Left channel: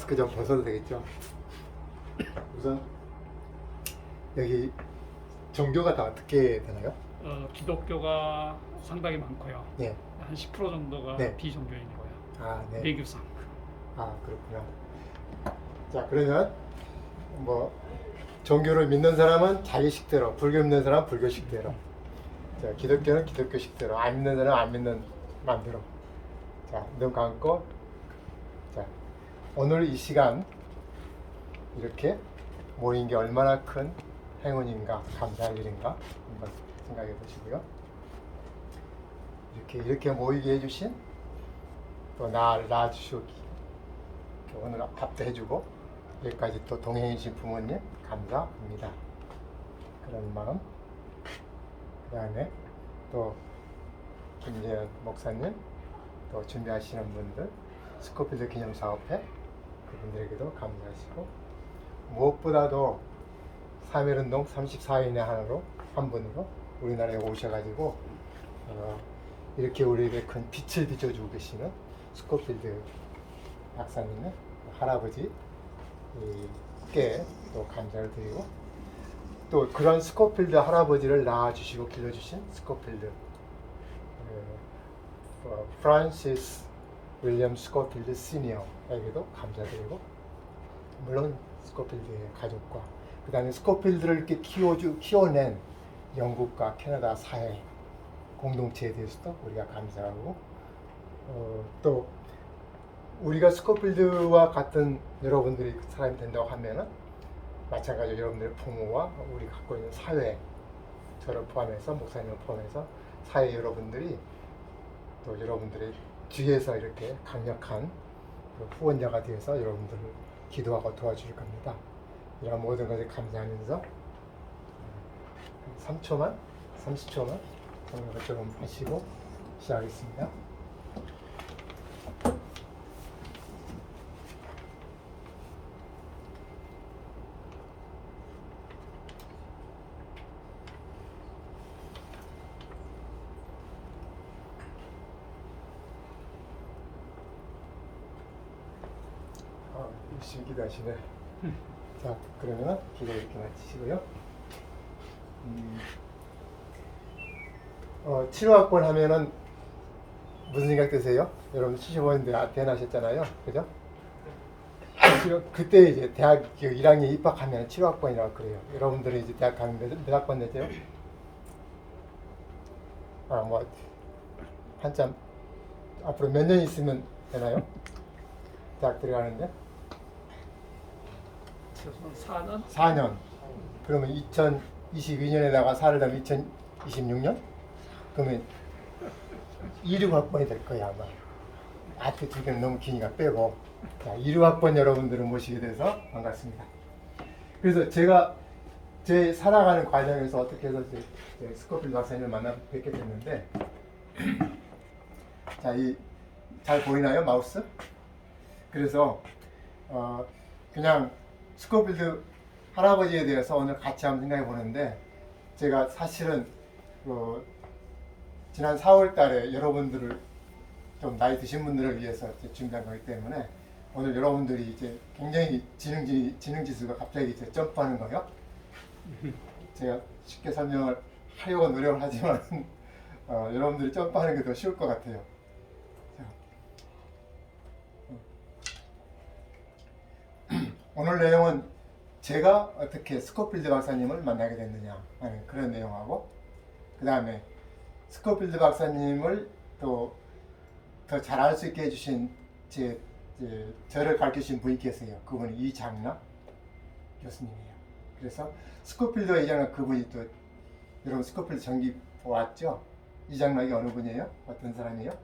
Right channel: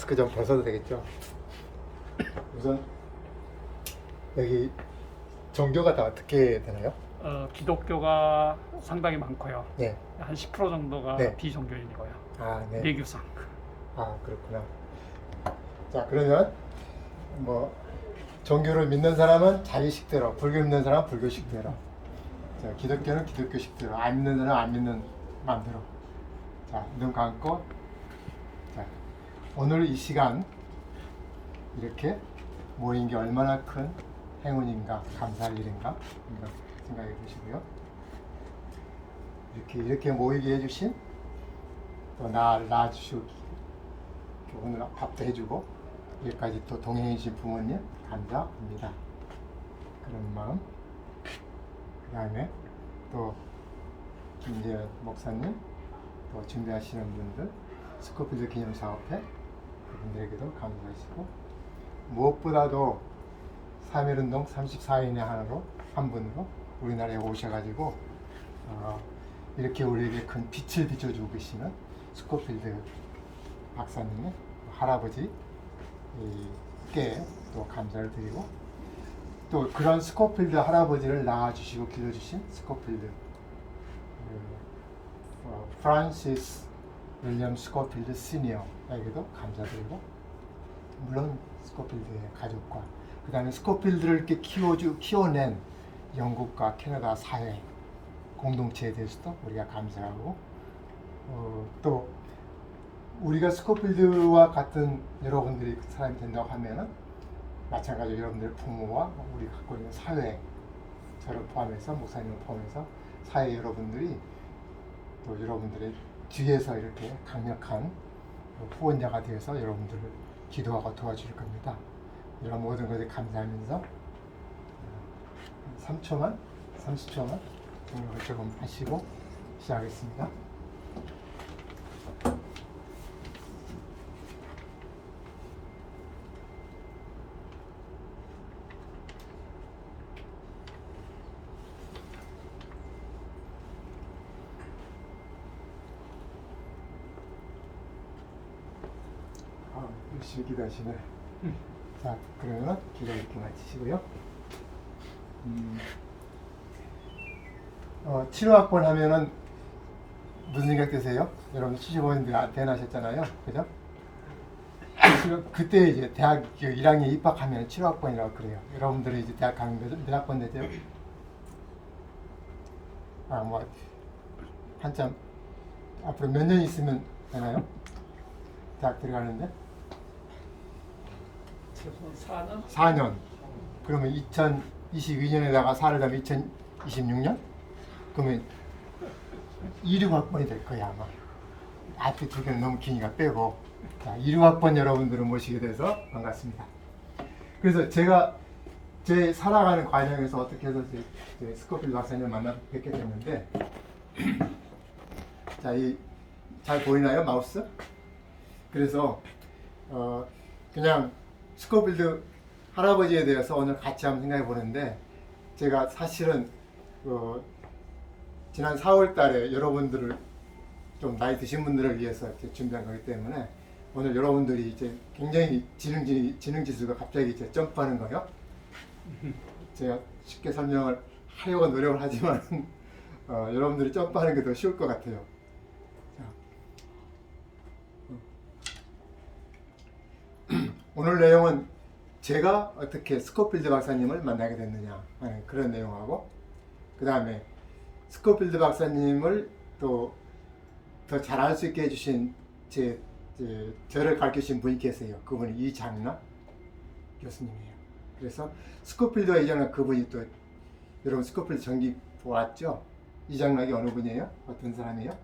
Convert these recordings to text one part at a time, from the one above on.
마스크 좀 벗어도 되겠죠? 우선 여기 종교가 다 어떻게 되나요? 기독교가 상당히 많고요. 네. 한 10% 정도가 네. 비종교인이고요. 아, 네. 내규상. 아, 그렇구나. 자, 그러면 뭐 종교를 믿는 사람은 자기식대로, 불교 믿는 사람은 불교식대로, 자, 기독교는 기독교식대로, 안 믿는 사람은 안 믿는 마음대로. 자, 눈 감고, 자, 오늘 이 시간 이렇게 모인 게 얼마나 큰 행운인가, 감사할 일인가 한번 생각해 보시고요. 이렇게 모이게 해주신 또 나를 낳아주시고 오늘 밥도 해주고 여기까지 또 동행해주신 부모님 감사합니다. 그런 마음. 그 다음에 또 김재현 목사님 또 준비하시는 분들 스코필드 기념사업회 그분들에게도 감사하시고 무엇보다도 3.1운동 34인의 하나로 한 분으로 우리나라에 오셔가지고 이렇게 우리에게 큰 빛을 비춰주고 계시는 스코필드 박사님의 할아버지께 또 감사를 드리고 또 그런 스코필드 할아버지를 낳아주시고 길러주신 스코필드 프란시스 윌리엄 스코필드 시니어에게도 감사드리고 물론 스코필드의 가족과 그 다음에 스코필드를 이렇게 키워낸 영국과 캐나다 사회 공동체에 대해서도 우리가 감사하고 또 우리가 스코필드와 같은 여러분들이 사람이 된다고 하면은 마찬가지로 여러분들의 부모와 우리 갖고 있는 사회 저를 포함해서 목사님을 포함해서 사회 여러분들이 또 여러분들의 뒤에서 이렇게 강력한 그 후원자가 되어서 여러분들을 기도하고 도와줄 겁니다. 이런 모든 것에 감사하면서 3초만 30초만 오늘 것 조금 하시고 시작하겠습니다. 열심히 기도하시네. 자, 그러면 기도 이렇게 마치시고요. 7호학번 하면은 무슨 생각 드세요? 여러분 75년대 대학하셨잖아요, 그죠? 그때 이제 대학 1학년 입학하면 7호학번이라고 그래요. 여러분들이 이제 대학 가면 몇 학번 되죠? 뭐 한참 앞으로 몇 년 있으면 되나요? 대학 들어가는데? 4년? 4년. 그러면 2022년에다가 4를 더하면 2026년? 그러면 26학번이 될 거야 아마. 앞에 두 개는 너무 기니까 빼고. 자, 26학번 여러분들을 모시게 돼서 반갑습니다. 그래서 제가 제 살아가는 과정에서 어떻게 해서 이제 스코필드 박사님을 만나 뵙게 됐는데 자, 잘 보이나요 마우스? 그래서 그냥 스코필드 할아버지에 대해서 오늘 같이 한번 생각해 보는데 제가 사실은 지난 4월 달에 여러분들을 좀 나이 드신 분들을 위해서 준비한 거기 때문에 오늘 여러분들이 이제 굉장히 지능 지수가 갑자기 이제 점프하는 거예요. 제가 쉽게 설명을 하려고 노력을 하지만 여러분들이 점프하는 게 더 쉬울 것 같아요. 오늘 내용은 제가 어떻게 스코필드 박사님을 만나게 됐느냐 하는 그런 내용하고 그 다음에 스코필드 박사님을 또 더 잘 알 수 있게 해주신 저를 가르치신 분이 계세요. 그분이 이장락 교수님이에요. 그래서 스코필드와 이장락 그분이 또 여러분 스코필드 전기 보았죠? 이장락이 어느 분이에요? 어떤 사람이에요?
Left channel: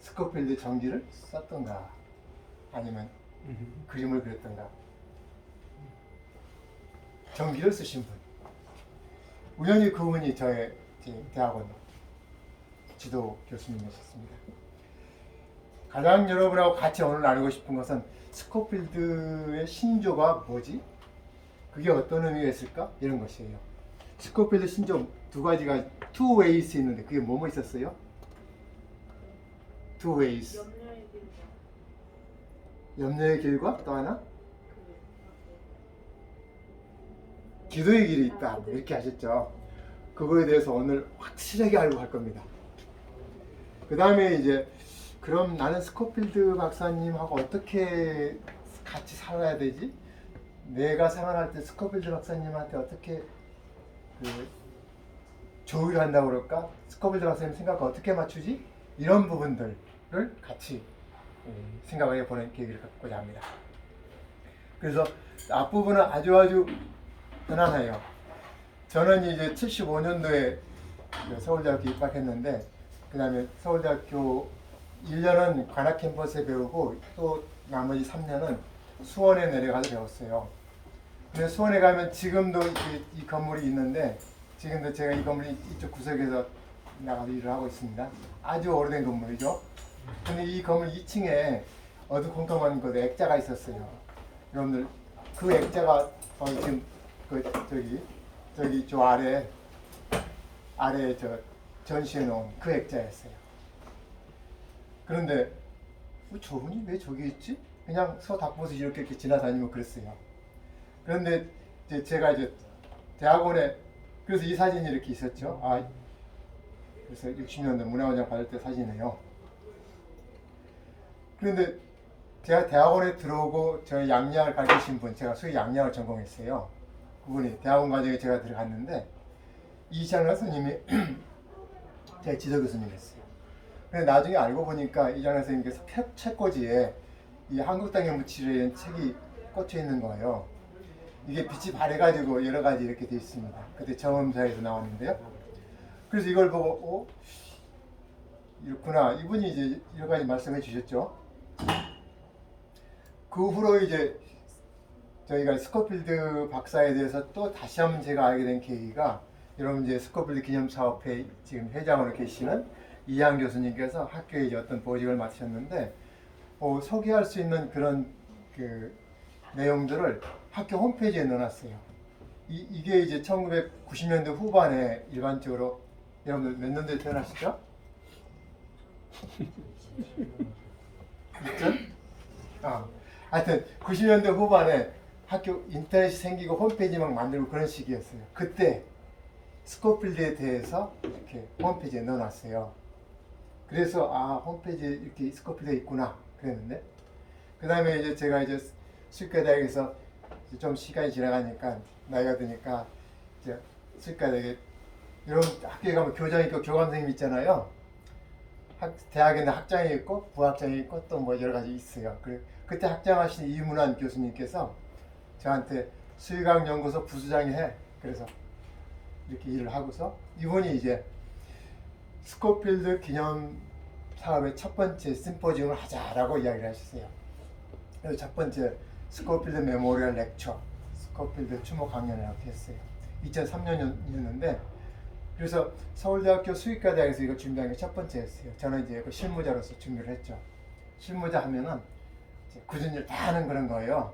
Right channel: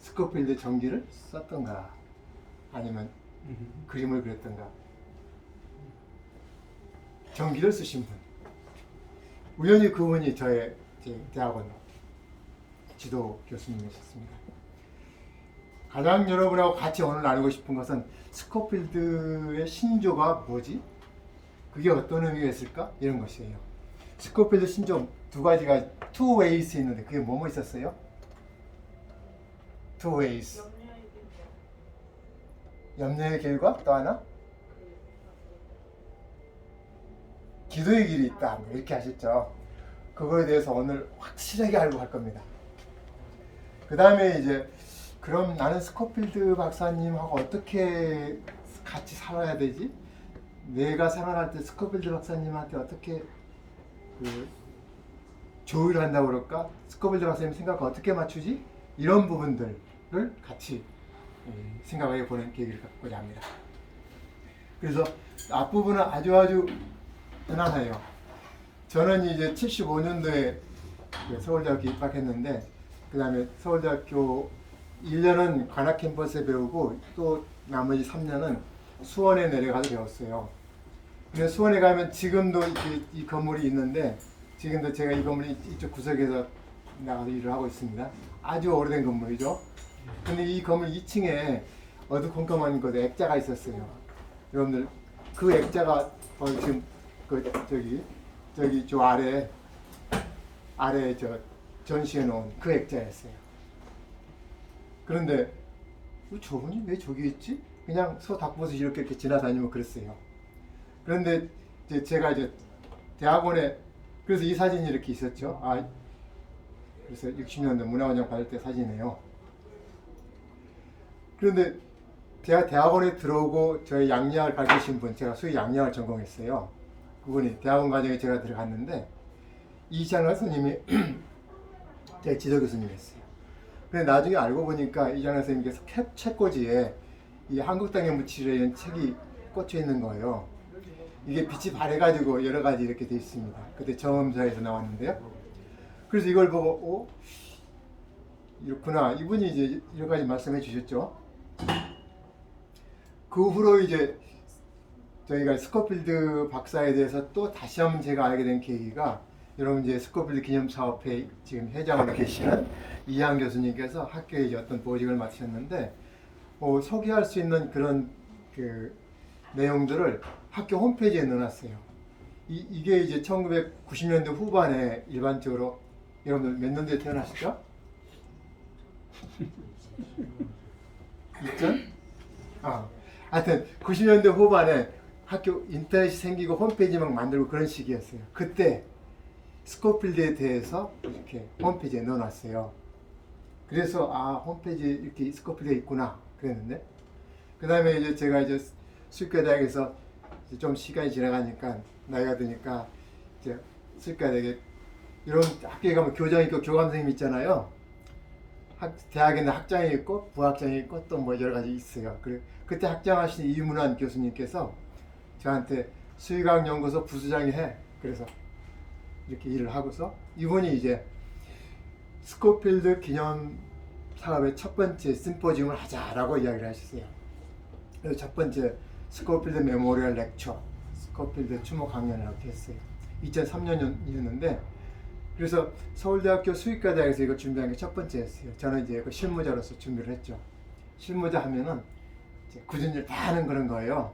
스코필드 전기를 썼던가 아니면 그림을 그렸던가 전기를 쓰신 분. 우연히 그분이 저의 대학원 지도 교수님이셨습니다. 가장 여러분하고 같이 오늘 나누고 싶은 것은 스코필드의 신조가 뭐지? 그게 어떤 의미가 있을까? 이런 것이에요. 스코필드 신조 두 가지가 two ways 있는데 그게 뭐뭐 있었어요? two ways. 염려의 길과 또 하나 기도의 길이 있다 이렇게 하셨죠. 그거에 대해서 오늘 확실하게 알고 갈 겁니다. 그 다음에 이제 그럼 나는 스코필드 박사님하고 어떻게 같이 살아야 되지? 내가 생활할 때 스코필드 박사님한테 어떻게 그 조율을 한다고 그럴까? 스코필드 박사님 생각과 어떻게 맞추지? 이런 부분들을 같이 생각해 보는 계기를 갖고자 합니다. 그래서 앞부분은 아주 편안해요. 저는 이제 75년도에 서울대학교 입학했는데 그 다음에 서울대학교 1년은 관악 캠퍼스에 배우고 또 나머지 3년은 수원에 내려가서 배웠어요. 근데 수원에 가면 지금도 이 건물이 있는데 지금도 제가 이 건물 이쪽 구석에서 나가서 일을 하고 있습니다. 아주 오래된 건물이죠. 근데 이 건물 2층에 어두컴컴한 곳에 액자가 있었어요. 여러분들 그 액자가 지금 저기 저 아래 저 전시해 놓은 그 액자였어요. 그런데 저분이 왜 저기 있지? 그냥 닭보듯 이렇게 지나다니면 그랬어요. 그런데 제가 이제 대학원에 그래서 이 사진이 이렇게 있었죠. 그래서 60년대 문화원장 받을 때 사진이에요. 그런데 제가 대학원에 들어오고 저희 양리학을 가르치신 분, 제가 수의 양리학을 전공했어요. 그분이 대학원 과정에 제가 들어갔는데 이찬원 선생님이 제 지도 교수님이었어요. 근데 나중에 알고 보니까 이찬원 선생님께서 책꽂이에 이 한국 땅의 무치리라는 책이 꽂혀 있는 거예요. 이게 빛이 발해가지고 여러 가지 이렇게 돼 있습니다. 그때 정음사에서 나왔는데요. 그래서 이걸 보고 이렇구나. 이분이 이제 여러 가지 말씀해 주셨죠. 그 후로 이제 저희가 스코필드 박사에 대해서 또 다시 한번 제가 알게 된 계기가 여러분 이제 스코필드 기념사업회 지금 회장으로 계시는 이한 교수님께서 학교에 이제 어떤 보직을 맡으셨는데 소개할 수 있는 그런 그 내용들을 학교 홈페이지에 넣어놨어요. 이게 이제 1990년대 후반에 일반적으로 여러분들 몇 년도에 태어나시죠? 2000? 하여튼 90년대 후반에 학교 인터넷이 생기고 홈페이지 막 만들고 그런 시기였어요. 그때 스코필드에 대해서 이렇게 홈페이지에 넣어놨어요. 그래서 홈페이지에 이렇게 스코필드가 있구나 그랬는데 그 다음에 이제 제가 이제 수의과대학에서 좀 시간이 지나가니까 나이가 드니까 이제 수의과대학에 이런 학교에 가면 교장 있고 교감 선생님 있잖아요. 대학에는 학장이 있고 부학장이 있고 또 뭐 여러 가지 있어요. 그때 학장하신 이문환 교수님께서 저한테 수의과학 연구소 부수장이 해. 그래서 이렇게 일을 하고서 이분이 이제 스코필드 기념 사업의 첫 번째 심포지움을 하자라고 이야기를 하셨어요. 그래서 첫 번째 스코필드 메모리얼 렉처, 스코필드 추모 강연이라고 했어요. 2003년이었는데 그래서 서울대학교 수의과대학에서 이거 준비한 게 첫 번째였어요. 저는 이제 그 실무자로서 준비를 했죠. 실무자 하면은 이제 굳은 일 다 하는 그런 거예요.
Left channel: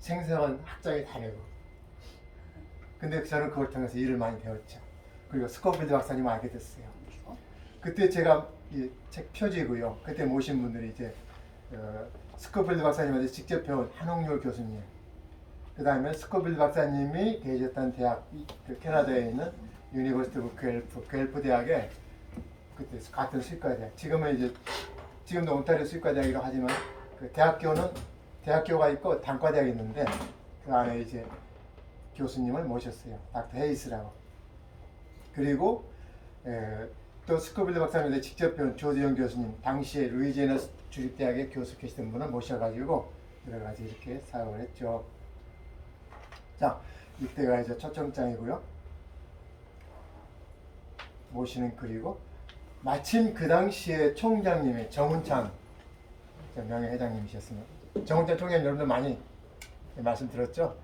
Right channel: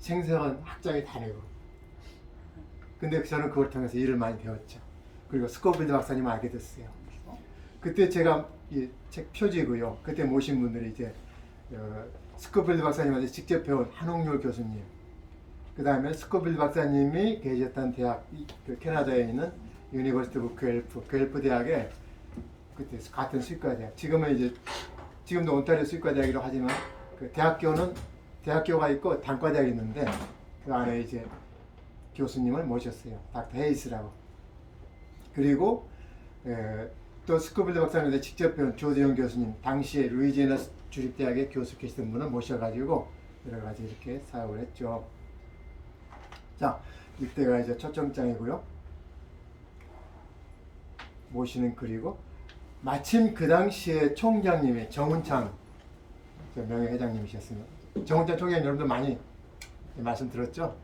생생한 학장이 다르고. 근데 저는 그걸 통해서 일을 많이 배웠죠. 그리고 스코필드 박사님을 알게 됐어요. 그때 제가 이 책 표지고요. 그때 모신 분들이 이제 스코필드 박사님한테 직접 배운 한홍열 교수님, 그 다음에 스코필드 박사님이 계셨던 대학, 그 캐나다에 있는 유니버시티 오브 괸프 대학에 그때 같은 수의과대학, 지금도 온타리오 수의과대학이라고 하지만 그 대학교가 있고 단과대학이 있는데 그 안에 이제 교수님을 모셨어요. 닥터 헤이스라고. 그리고 또 스코필드 박사님한테 직접 배운 조재영 교수님, 당시에 루이지애나 주립대학에 교수 계시던 분을 모셔가지고 여러 가지 이렇게 사역을 했죠. 자, 이때가 이제 초청장이고요. 모시는 글이고, 마침 그 당시에 총장님이 정운창 명예회장님이셨습니다. 정운창 총장님 여러분들 많이 말씀 들었죠?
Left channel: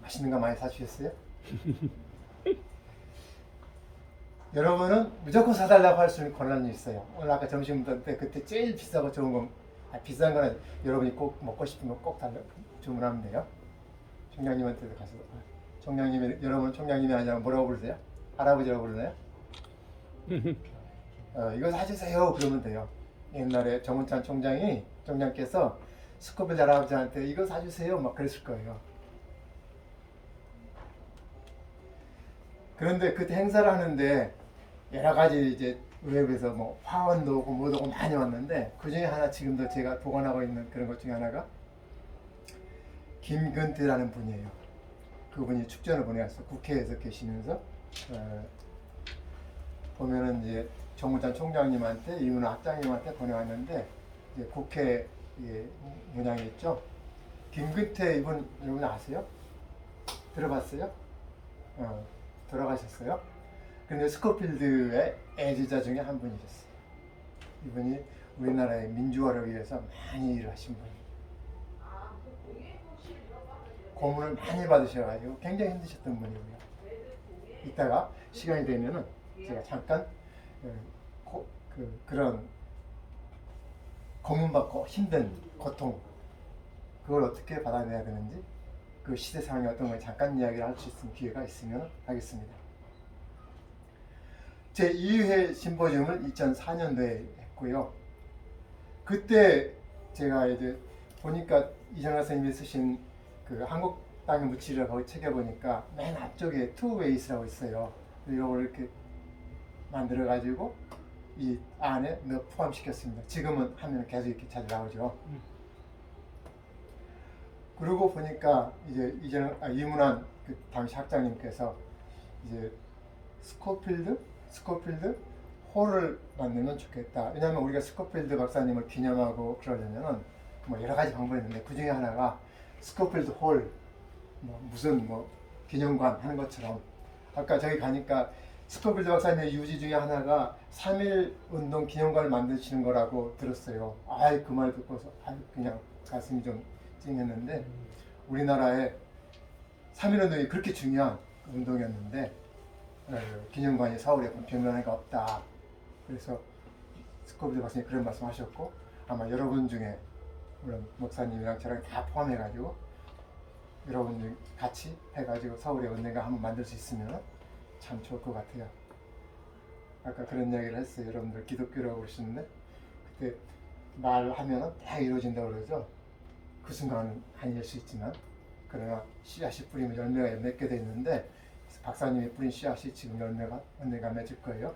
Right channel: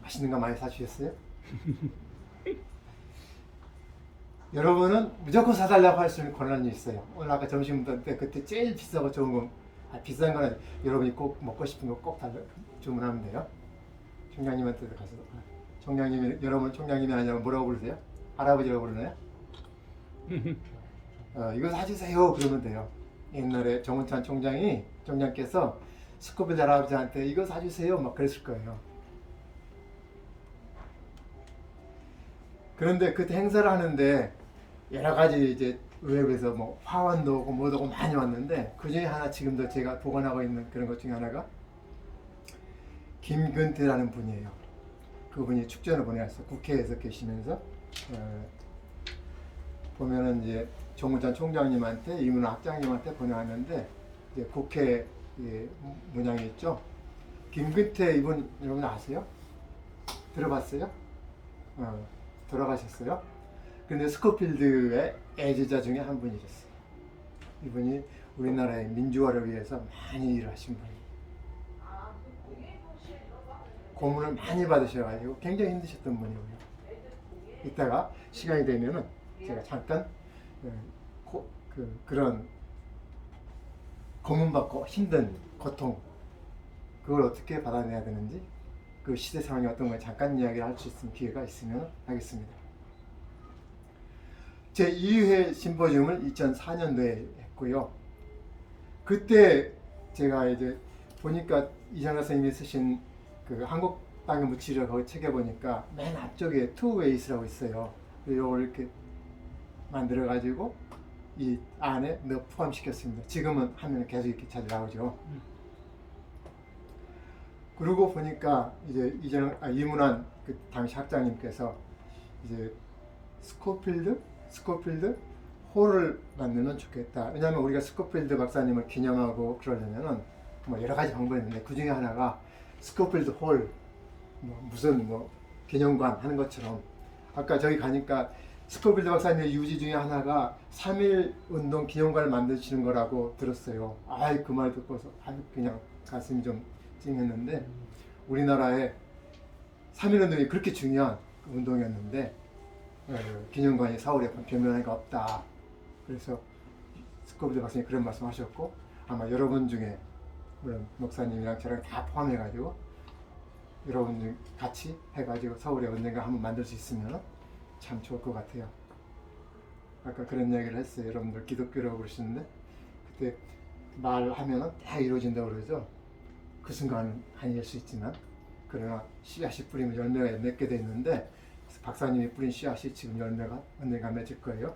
맛있는 거 많이 사주셨어요? 여러분은 무조건 사달라고 할 수 있는 권한이 있어요. 오늘 아까 점심 먹을 때 그때 제일 비싸고 좋은 거, 비싼 거는 여러분이 꼭 먹고 싶은 거 꼭 주문하면 돼요. 총장님한테도 가서. 총장님이, 여러분 총장님이 아니면 뭐라고 부르세요? 할아버지라고 부르나요? 이거 사주세요 그러면 돼요. 옛날에 정운찬 총장께서 스코필드 할아버지한테 이거 사주세요 막 그랬을 거예요. 그런데 그때 행사를 하는데 여러 가지 이제 의회에서 뭐 화원도 오고 뭐도 오고 많이 왔는데 그 중에 하나 지금도 제가 보관하고 있는 그런 것 중에 하나가 김근태라는 분이에요. 그분이 축전을 보내왔어. 국회에서 계시면서 보면은 이제 정운찬 총장님한테 이문호 학장님한테 보내왔는데 이제 국회 문양이 있죠. 김근태 이분 여러분 아세요? 들어봤어요? 돌아가셨어요. 근데 스코필드의 애지자 중에 한 분이셨어요. 이분이 우리나라의 민주화를 위해서 많이 일을 하신 분이에요. 고문을 많이 받으셔가지고 굉장히 힘드셨던 분이고요. 이따가 시간이 되면은 제가 잠깐 그런 고문받고 힘든 고통 그걸 어떻게 받아내야 되는지 그 시대 상황이 어떤 걸 잠깐 이야기를 할 수 있는 기회가 있으면 하겠습니다. 제 2회 심포지움을 2004년도에 했고요. 그때 제가 이제 보니까 이장하 선생님이 쓰신 그 한국 땅의 묻히리라 거기 책에 보니까 맨 앞쪽에 two ways라고 있어요. 그리고 이걸 이렇게 만들어 가지고 이 안에 포함시켰습니다. 지금은 하면 계속 이렇게 잘 나오죠. 그러고 보니까 이제 이문환 그 당시 학장님께서 이제 스코필드 홀을 만들면 좋겠다. 왜냐하면 우리가 스코필드 박사님을 기념하고 그러려면은 뭐 여러 가지 방법이 있는데 그 중에 하나가 스코필드 홀, 무슨 기념관 하는 것처럼 아까 저기 가니까 스코필드 박사님의 유지 중에 하나가 3.1 운동 기념관을 만드시는 거라고 들었어요. 그 말 듣고서 그냥 가슴이 좀 찡했는데 우리나라에 3.1 운동이 그렇게 중요한 운동이었는데 기념관이 서울에 변변해가 없다. 그래서 스코필드 박사님이 그런 말씀하셨고 아마 여러분 중에 물론 목사님이랑 저랑 다 포함해가지고 여러분 같이 해가지고 서울에 언젠가 한번 만들 수 있으면 참 좋을 것 같아요. 아까 그런 이야기를 했어요. 여러분들 기독교라고 그러시는데 그때 말하면은 다 이루어진다고 그러죠. 그 순간은 아닐 수 있지만 그러나 씨앗이 뿌리면 열매가 맺게 돼 있는데 박사님이 뿌린 씨앗이 지금 열매가 언젠가 맺을 거예요.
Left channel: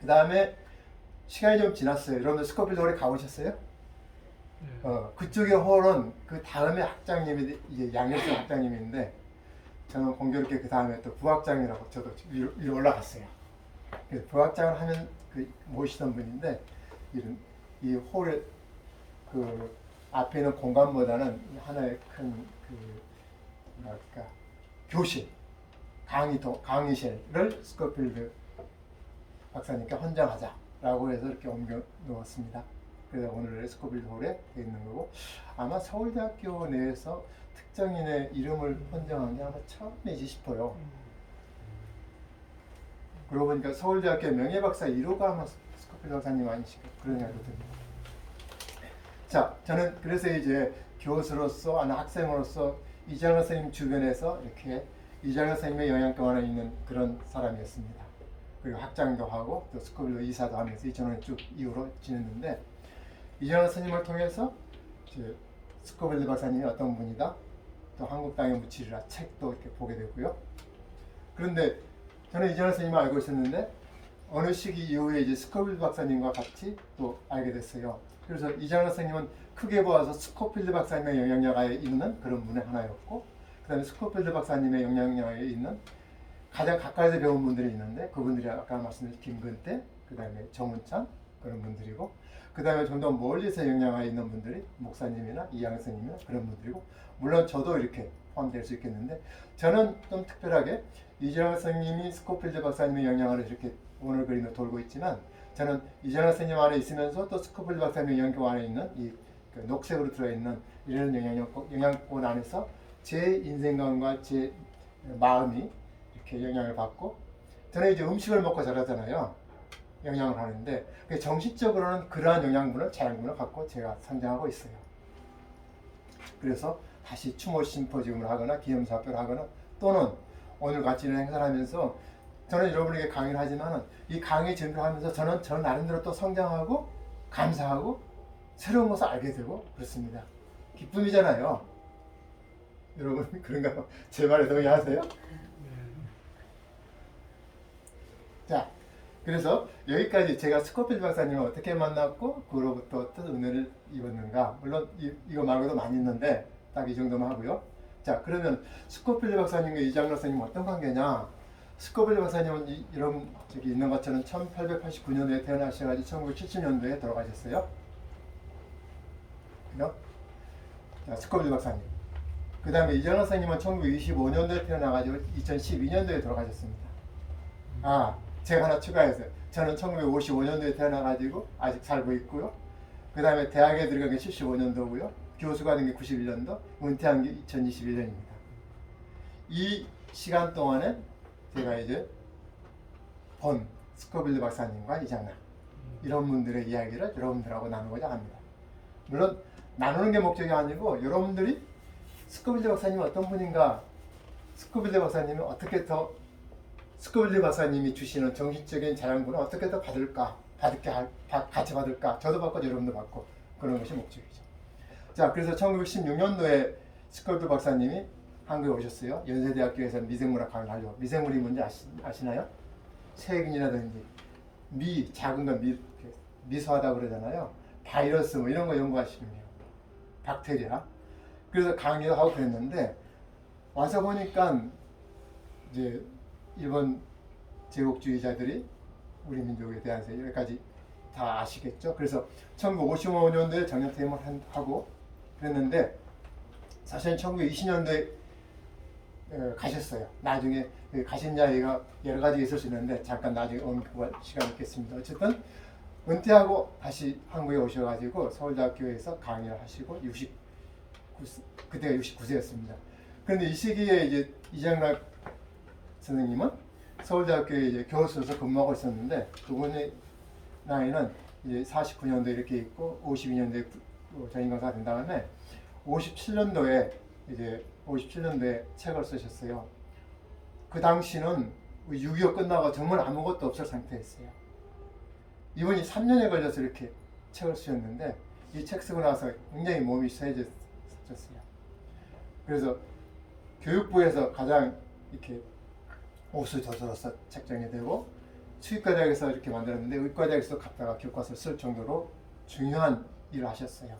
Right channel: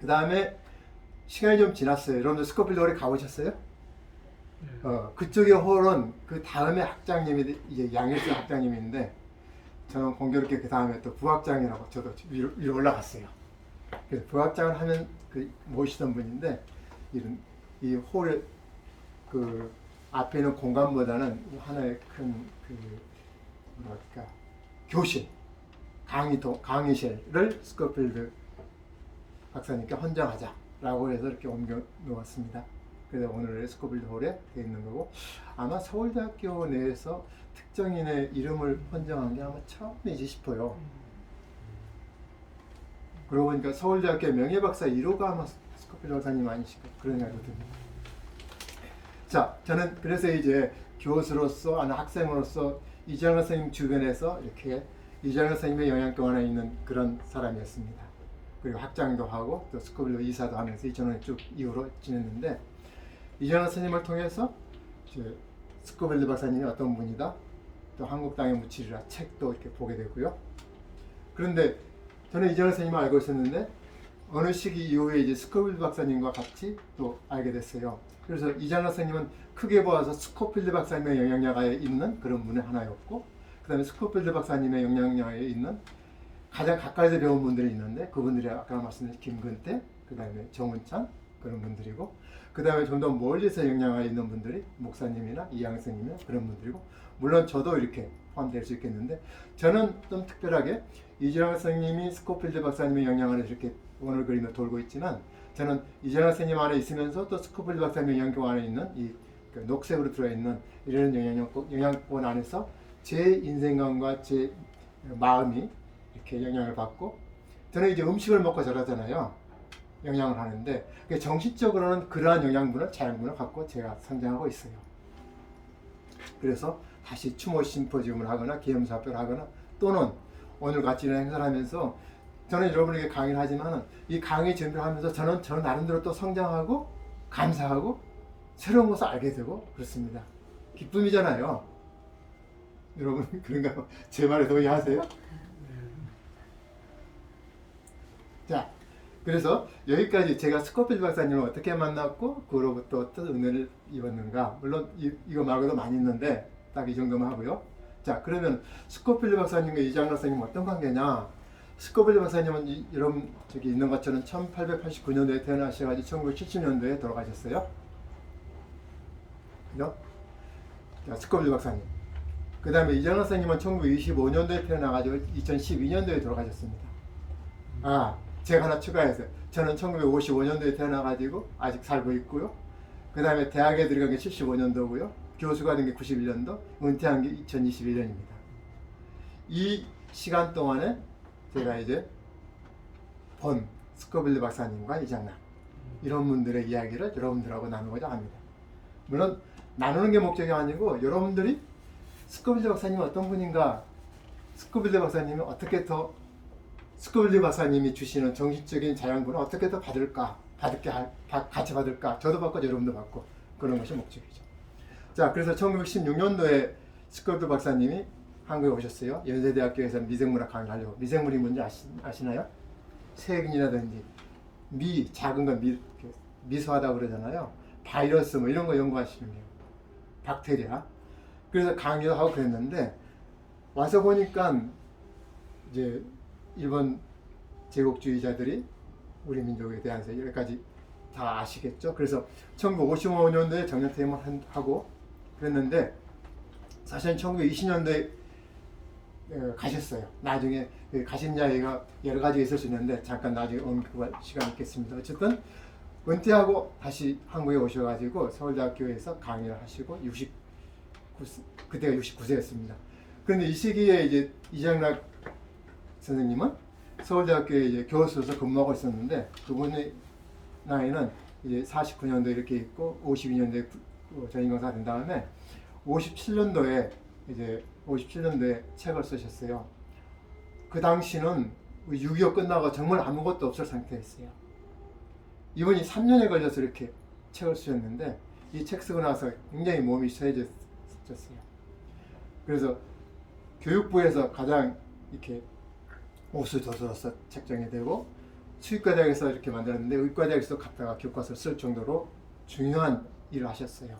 그 다음에 시간이 좀 지났어요. 여러분들 스코필드 홀에 가보셨어요? 그쪽의 홀은 그 다음에 학장님이 이제 양일순 학장님인데 저는 공교롭게 그 다음에 또 부학장이라고 저도 위로 올라갔어요. 그래서 부학장을 하면 모시던 분인데 이 홀 그 앞에 있는 공간보다는 하나의 큰 교실 강의실을 스코필드 박사님께 헌정하자라고 해서 이렇게 옮겨 놓았습니다. 그래서 오늘 스코필드 홀에 되어 있는 거고 아마 서울대학교 내에서 특정인의 이름을 헌정한 게 아마 처음이지 싶어요. 그러고 보니까 서울대학교 명예박사 1호가 아마 스코필드 박사님 아니실까 그런 생각이 듭니다. 자, 저는 그래서 이제 교수로서 아니 학생으로서 이장하 선생님 주변에서 이렇게 이장하 선생님의 영향권 안에 있는 그런 사람이었습니다. 그리고 학장도 하고 또 스코필드 이사도 하면서 2000년에 쭉 이후로 지냈는데 이장하 선생님을 통해서 스코필드 박사님이 어떤 분이다 또 한국 땅에 묻히리라 책도 이렇게 보게 되고요. 그런데 저는 이장하 선생님을 알고 있었는데 어느 시기 이후에 이제 스코필드 박사님과 같이 또 알게 됐어요. 그래서 이장하 선생님은 크게 보아서 스코필드 박사님의 영향력에 있는 그런 분의 하나였고 그 다음에 스코필드 박사님의 영향력에 있는 가장 가까이서 배운 분들이 있는데 그분들이 아까 말씀드린 김근태, 그 다음에 정운찬 그런 분들이고 그 다음에 좀 더 멀리서 영향하에 있는 분들이 목사님이나 이양 선생님이나 그런 분들이고 물론 저도 이렇게 포함될 수 있겠는데 저는 좀 특별하게 이장 선생님이 스코필드 박사님의 영향을 이렇게 오늘 그림을 돌고 있지만 저는 이장 선생님 안에 있으면서 또 스코필드 박사님의 영향권 안에 있는 이 녹색으로 들어있는 이런 영향권 안에서 제 인생관과 제 마음이 이렇게 영향을 받고 저는 이제 음식을 먹고 자라잖아요. 영향을 하는데 정신적으로는 그러한 영양분을 자양분을 갖고 제가 성장하고 있어요. 그래서 다시 추모 심포지움을 하거나 기념사업을 하거나 또는 오늘 같이 이런 행사를 하면서 저는 여러분에게 강의를 하지만은 이 강의 준비를 하면서 저는 저 나름대로 또 성장하고 감사하고 새로운 것을 알게 되고 그렇습니다. 기쁨이잖아요. 여러분 그런가요? 제 말에 동의하세요? 자, 그래서 여기까지 제가 스코필드 박사님을 어떻게 만났고 그로부터 어떤 은혜를 입었는가. 물론 이거 말고도 많이 있는데 딱 이 정도만 하고요. 자, 그러면 스코필드 박사님과 이장로 선생님 어떤 관계냐? 스코필드 박사님은 여러분 저기 있는 것처럼 1889년도에 태어나셔가지고 1970년도에 돌아가셨어요. 그죠? 자, 스코필드 박사님. 그 다음에 이장로 선생님은 1925년도에 태어나가지고 2012년도에 돌아가셨습니다. 아, 제가 하나 추가해서요. 저는 1955년도에 태어나가지고 아직 살고 있고요. 그 다음에 대학에 들어간 게 75년도고요. 교수가 된 게 91년도, 은퇴한 게 2021년입니다. 이 시간 동안에 제가 이제 본 스코빌드 박사님과 이장남 이런 분들의 이야기를 여러분들하고 나누고자 합니다. 물론 나누는 게 목적이 아니고 여러분들이 스코빌드 박사님은 어떤 분인가, 스코빌드 박사님은 어떻게 더 스코빌드 박사님이 주시는 정신적인 자양분을 어떻게 더 받을까, 같이 받을까, 저도 받고 여러분도 받고 그런 것이 목적이죠. 자, 그래서 1916년도에 스코빌드 박사님이 한국에 오셨어요. 연세대학교에서 미생물학 강의를 하려고. 미생물이 뭔지 아시나요? 세균이라든지 작은 건 미소하다 그러잖아요. 바이러스 뭐 이런 거 연구하시는 거예요. 박테리아. 그래서 강의를 하고 그랬는데 와서 보니까 이제 일본 제국주의자들이 우리 민족에 대해서 여기까지 다 아시겠죠. 그래서 1955년도에 정년퇴임을 하고 그랬는데 사실 1920년도에 가셨어요. 나중에 가신 이야기가 여러 가지 있을 수 있는데 잠깐 나중에 언급할 시간이 있겠습니다. 어쨌든 은퇴하고 다시 한국에 오셔가지고 서울대학교에서 강의를 하시고 그때가 69세였습니다. 그런데 이 시기에 이제 이장락 선생님은 서울대학교에 이제 교수로서 근무하고 있었는데 그분의 나이는 이제 49년도에 이렇게 있고 52년도에 전임강사가 된 다음에 57년도에 책을 쓰셨어요. 그 당시는 6.25 끝나고 정말 아무것도 없을 상태였어요. 이분이 3년에 걸려서 이렇게 책을 쓰셨는데 이 책 쓰고 나서 굉장히 몸이 쇠해졌어요. 그래서 교육부에서 가장 이렇게 우수저수로서 책정이 되고 수의과대학에서 이렇게 만들었는데 의과대학에서 갖다가 교과서를 쓸 정도로 중요한 일을 하셨어요.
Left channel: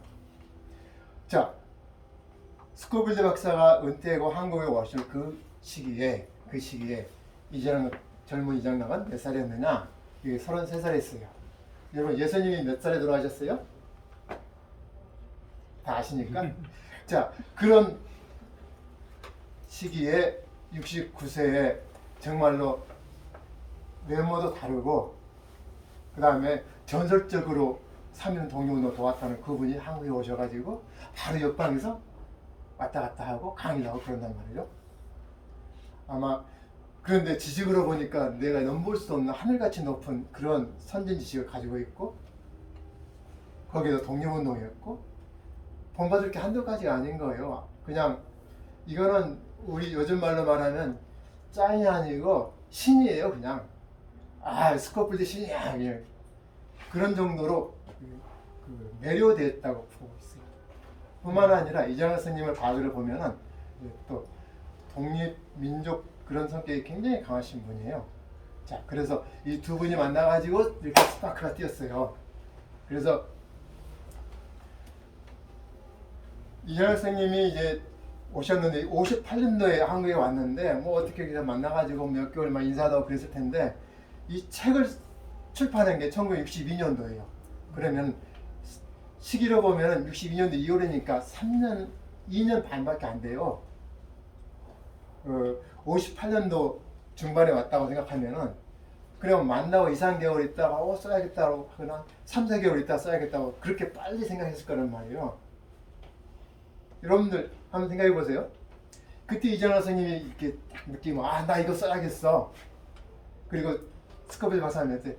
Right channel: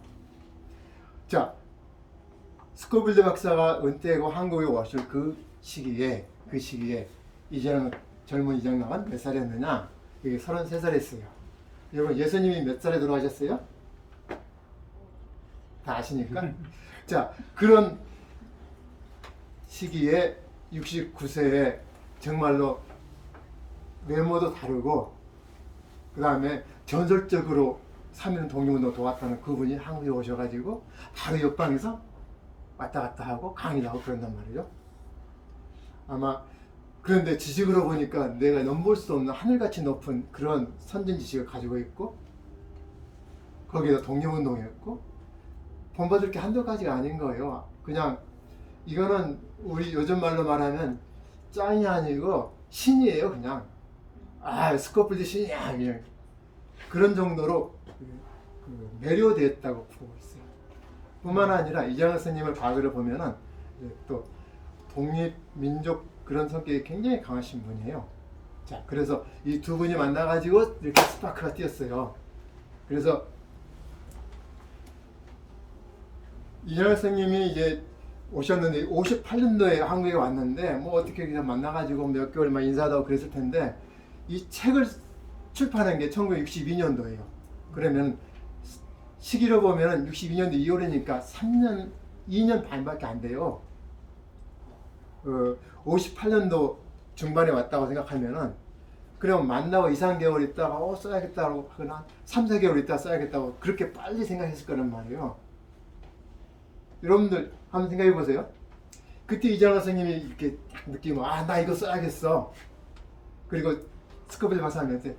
자, 스코빌드 박사가 은퇴하고 한국에 오실 그 시기에 젊은 이장락은 몇 살이었느냐? 이게 33살이었어요. 여러분 예수님이 몇 살에 돌아가셨어요? 다 아시니까? 자, 그런 시기에 69세에 정말로 외모도 다르고 그 다음에 전설적으로 3.1 독립운동 도왔다는 그분이 한국에 오셔가지고 바로 옆방에서 왔다 갔다 하고 강의를 하고 그런단 말이에요. 아마 그런데 지식으로 보니까 내가 넘볼 수 없는 하늘같이 높은 그런 선진 지식을 가지고 있고 거기다 독립운동이었고 본받을 게 한두 가지가 아닌 거예요. 그냥 이거는 우리 요즘 말로 말하면 짱이 아니고 신이에요. 그냥 스코필드 신이야. 그냥 그런 정도로 매료되었다고 보고 있어요. 뿐만 아니라 이장학 스님의 과거를 보면은 또 독립 민족 그런 성격이 굉장히 강하신 분이에요. 자, 그래서 이 두 분이 만나가지고 이렇게 스파크가 띄었어요. 그래서 이장학 스님이 이제 오셨는데 58년도에 한국에 왔는데 뭐 어떻게 그냥 만나가지고 몇 개월만 인사하고 그랬을 텐데 이 책을 출판한 게 1962년도예요. 그러면 시기로 보면 62년도 2월이니까 2년 반밖에 안 돼요. 58년도 중반에 왔다고 생각하면은 그러면 만나고 2, 3개월 있다가 써야겠다고 하거나 3, 4개월 있다가 써야겠다고 그렇게 빨리 생각했을 거란 말이에요. 여러분들 한번 생각해 보세요. 그때 이장학 선생님이 이렇게 딱 느끼면 나 이거 써야겠어. 그리고 스코빌드 박사님한테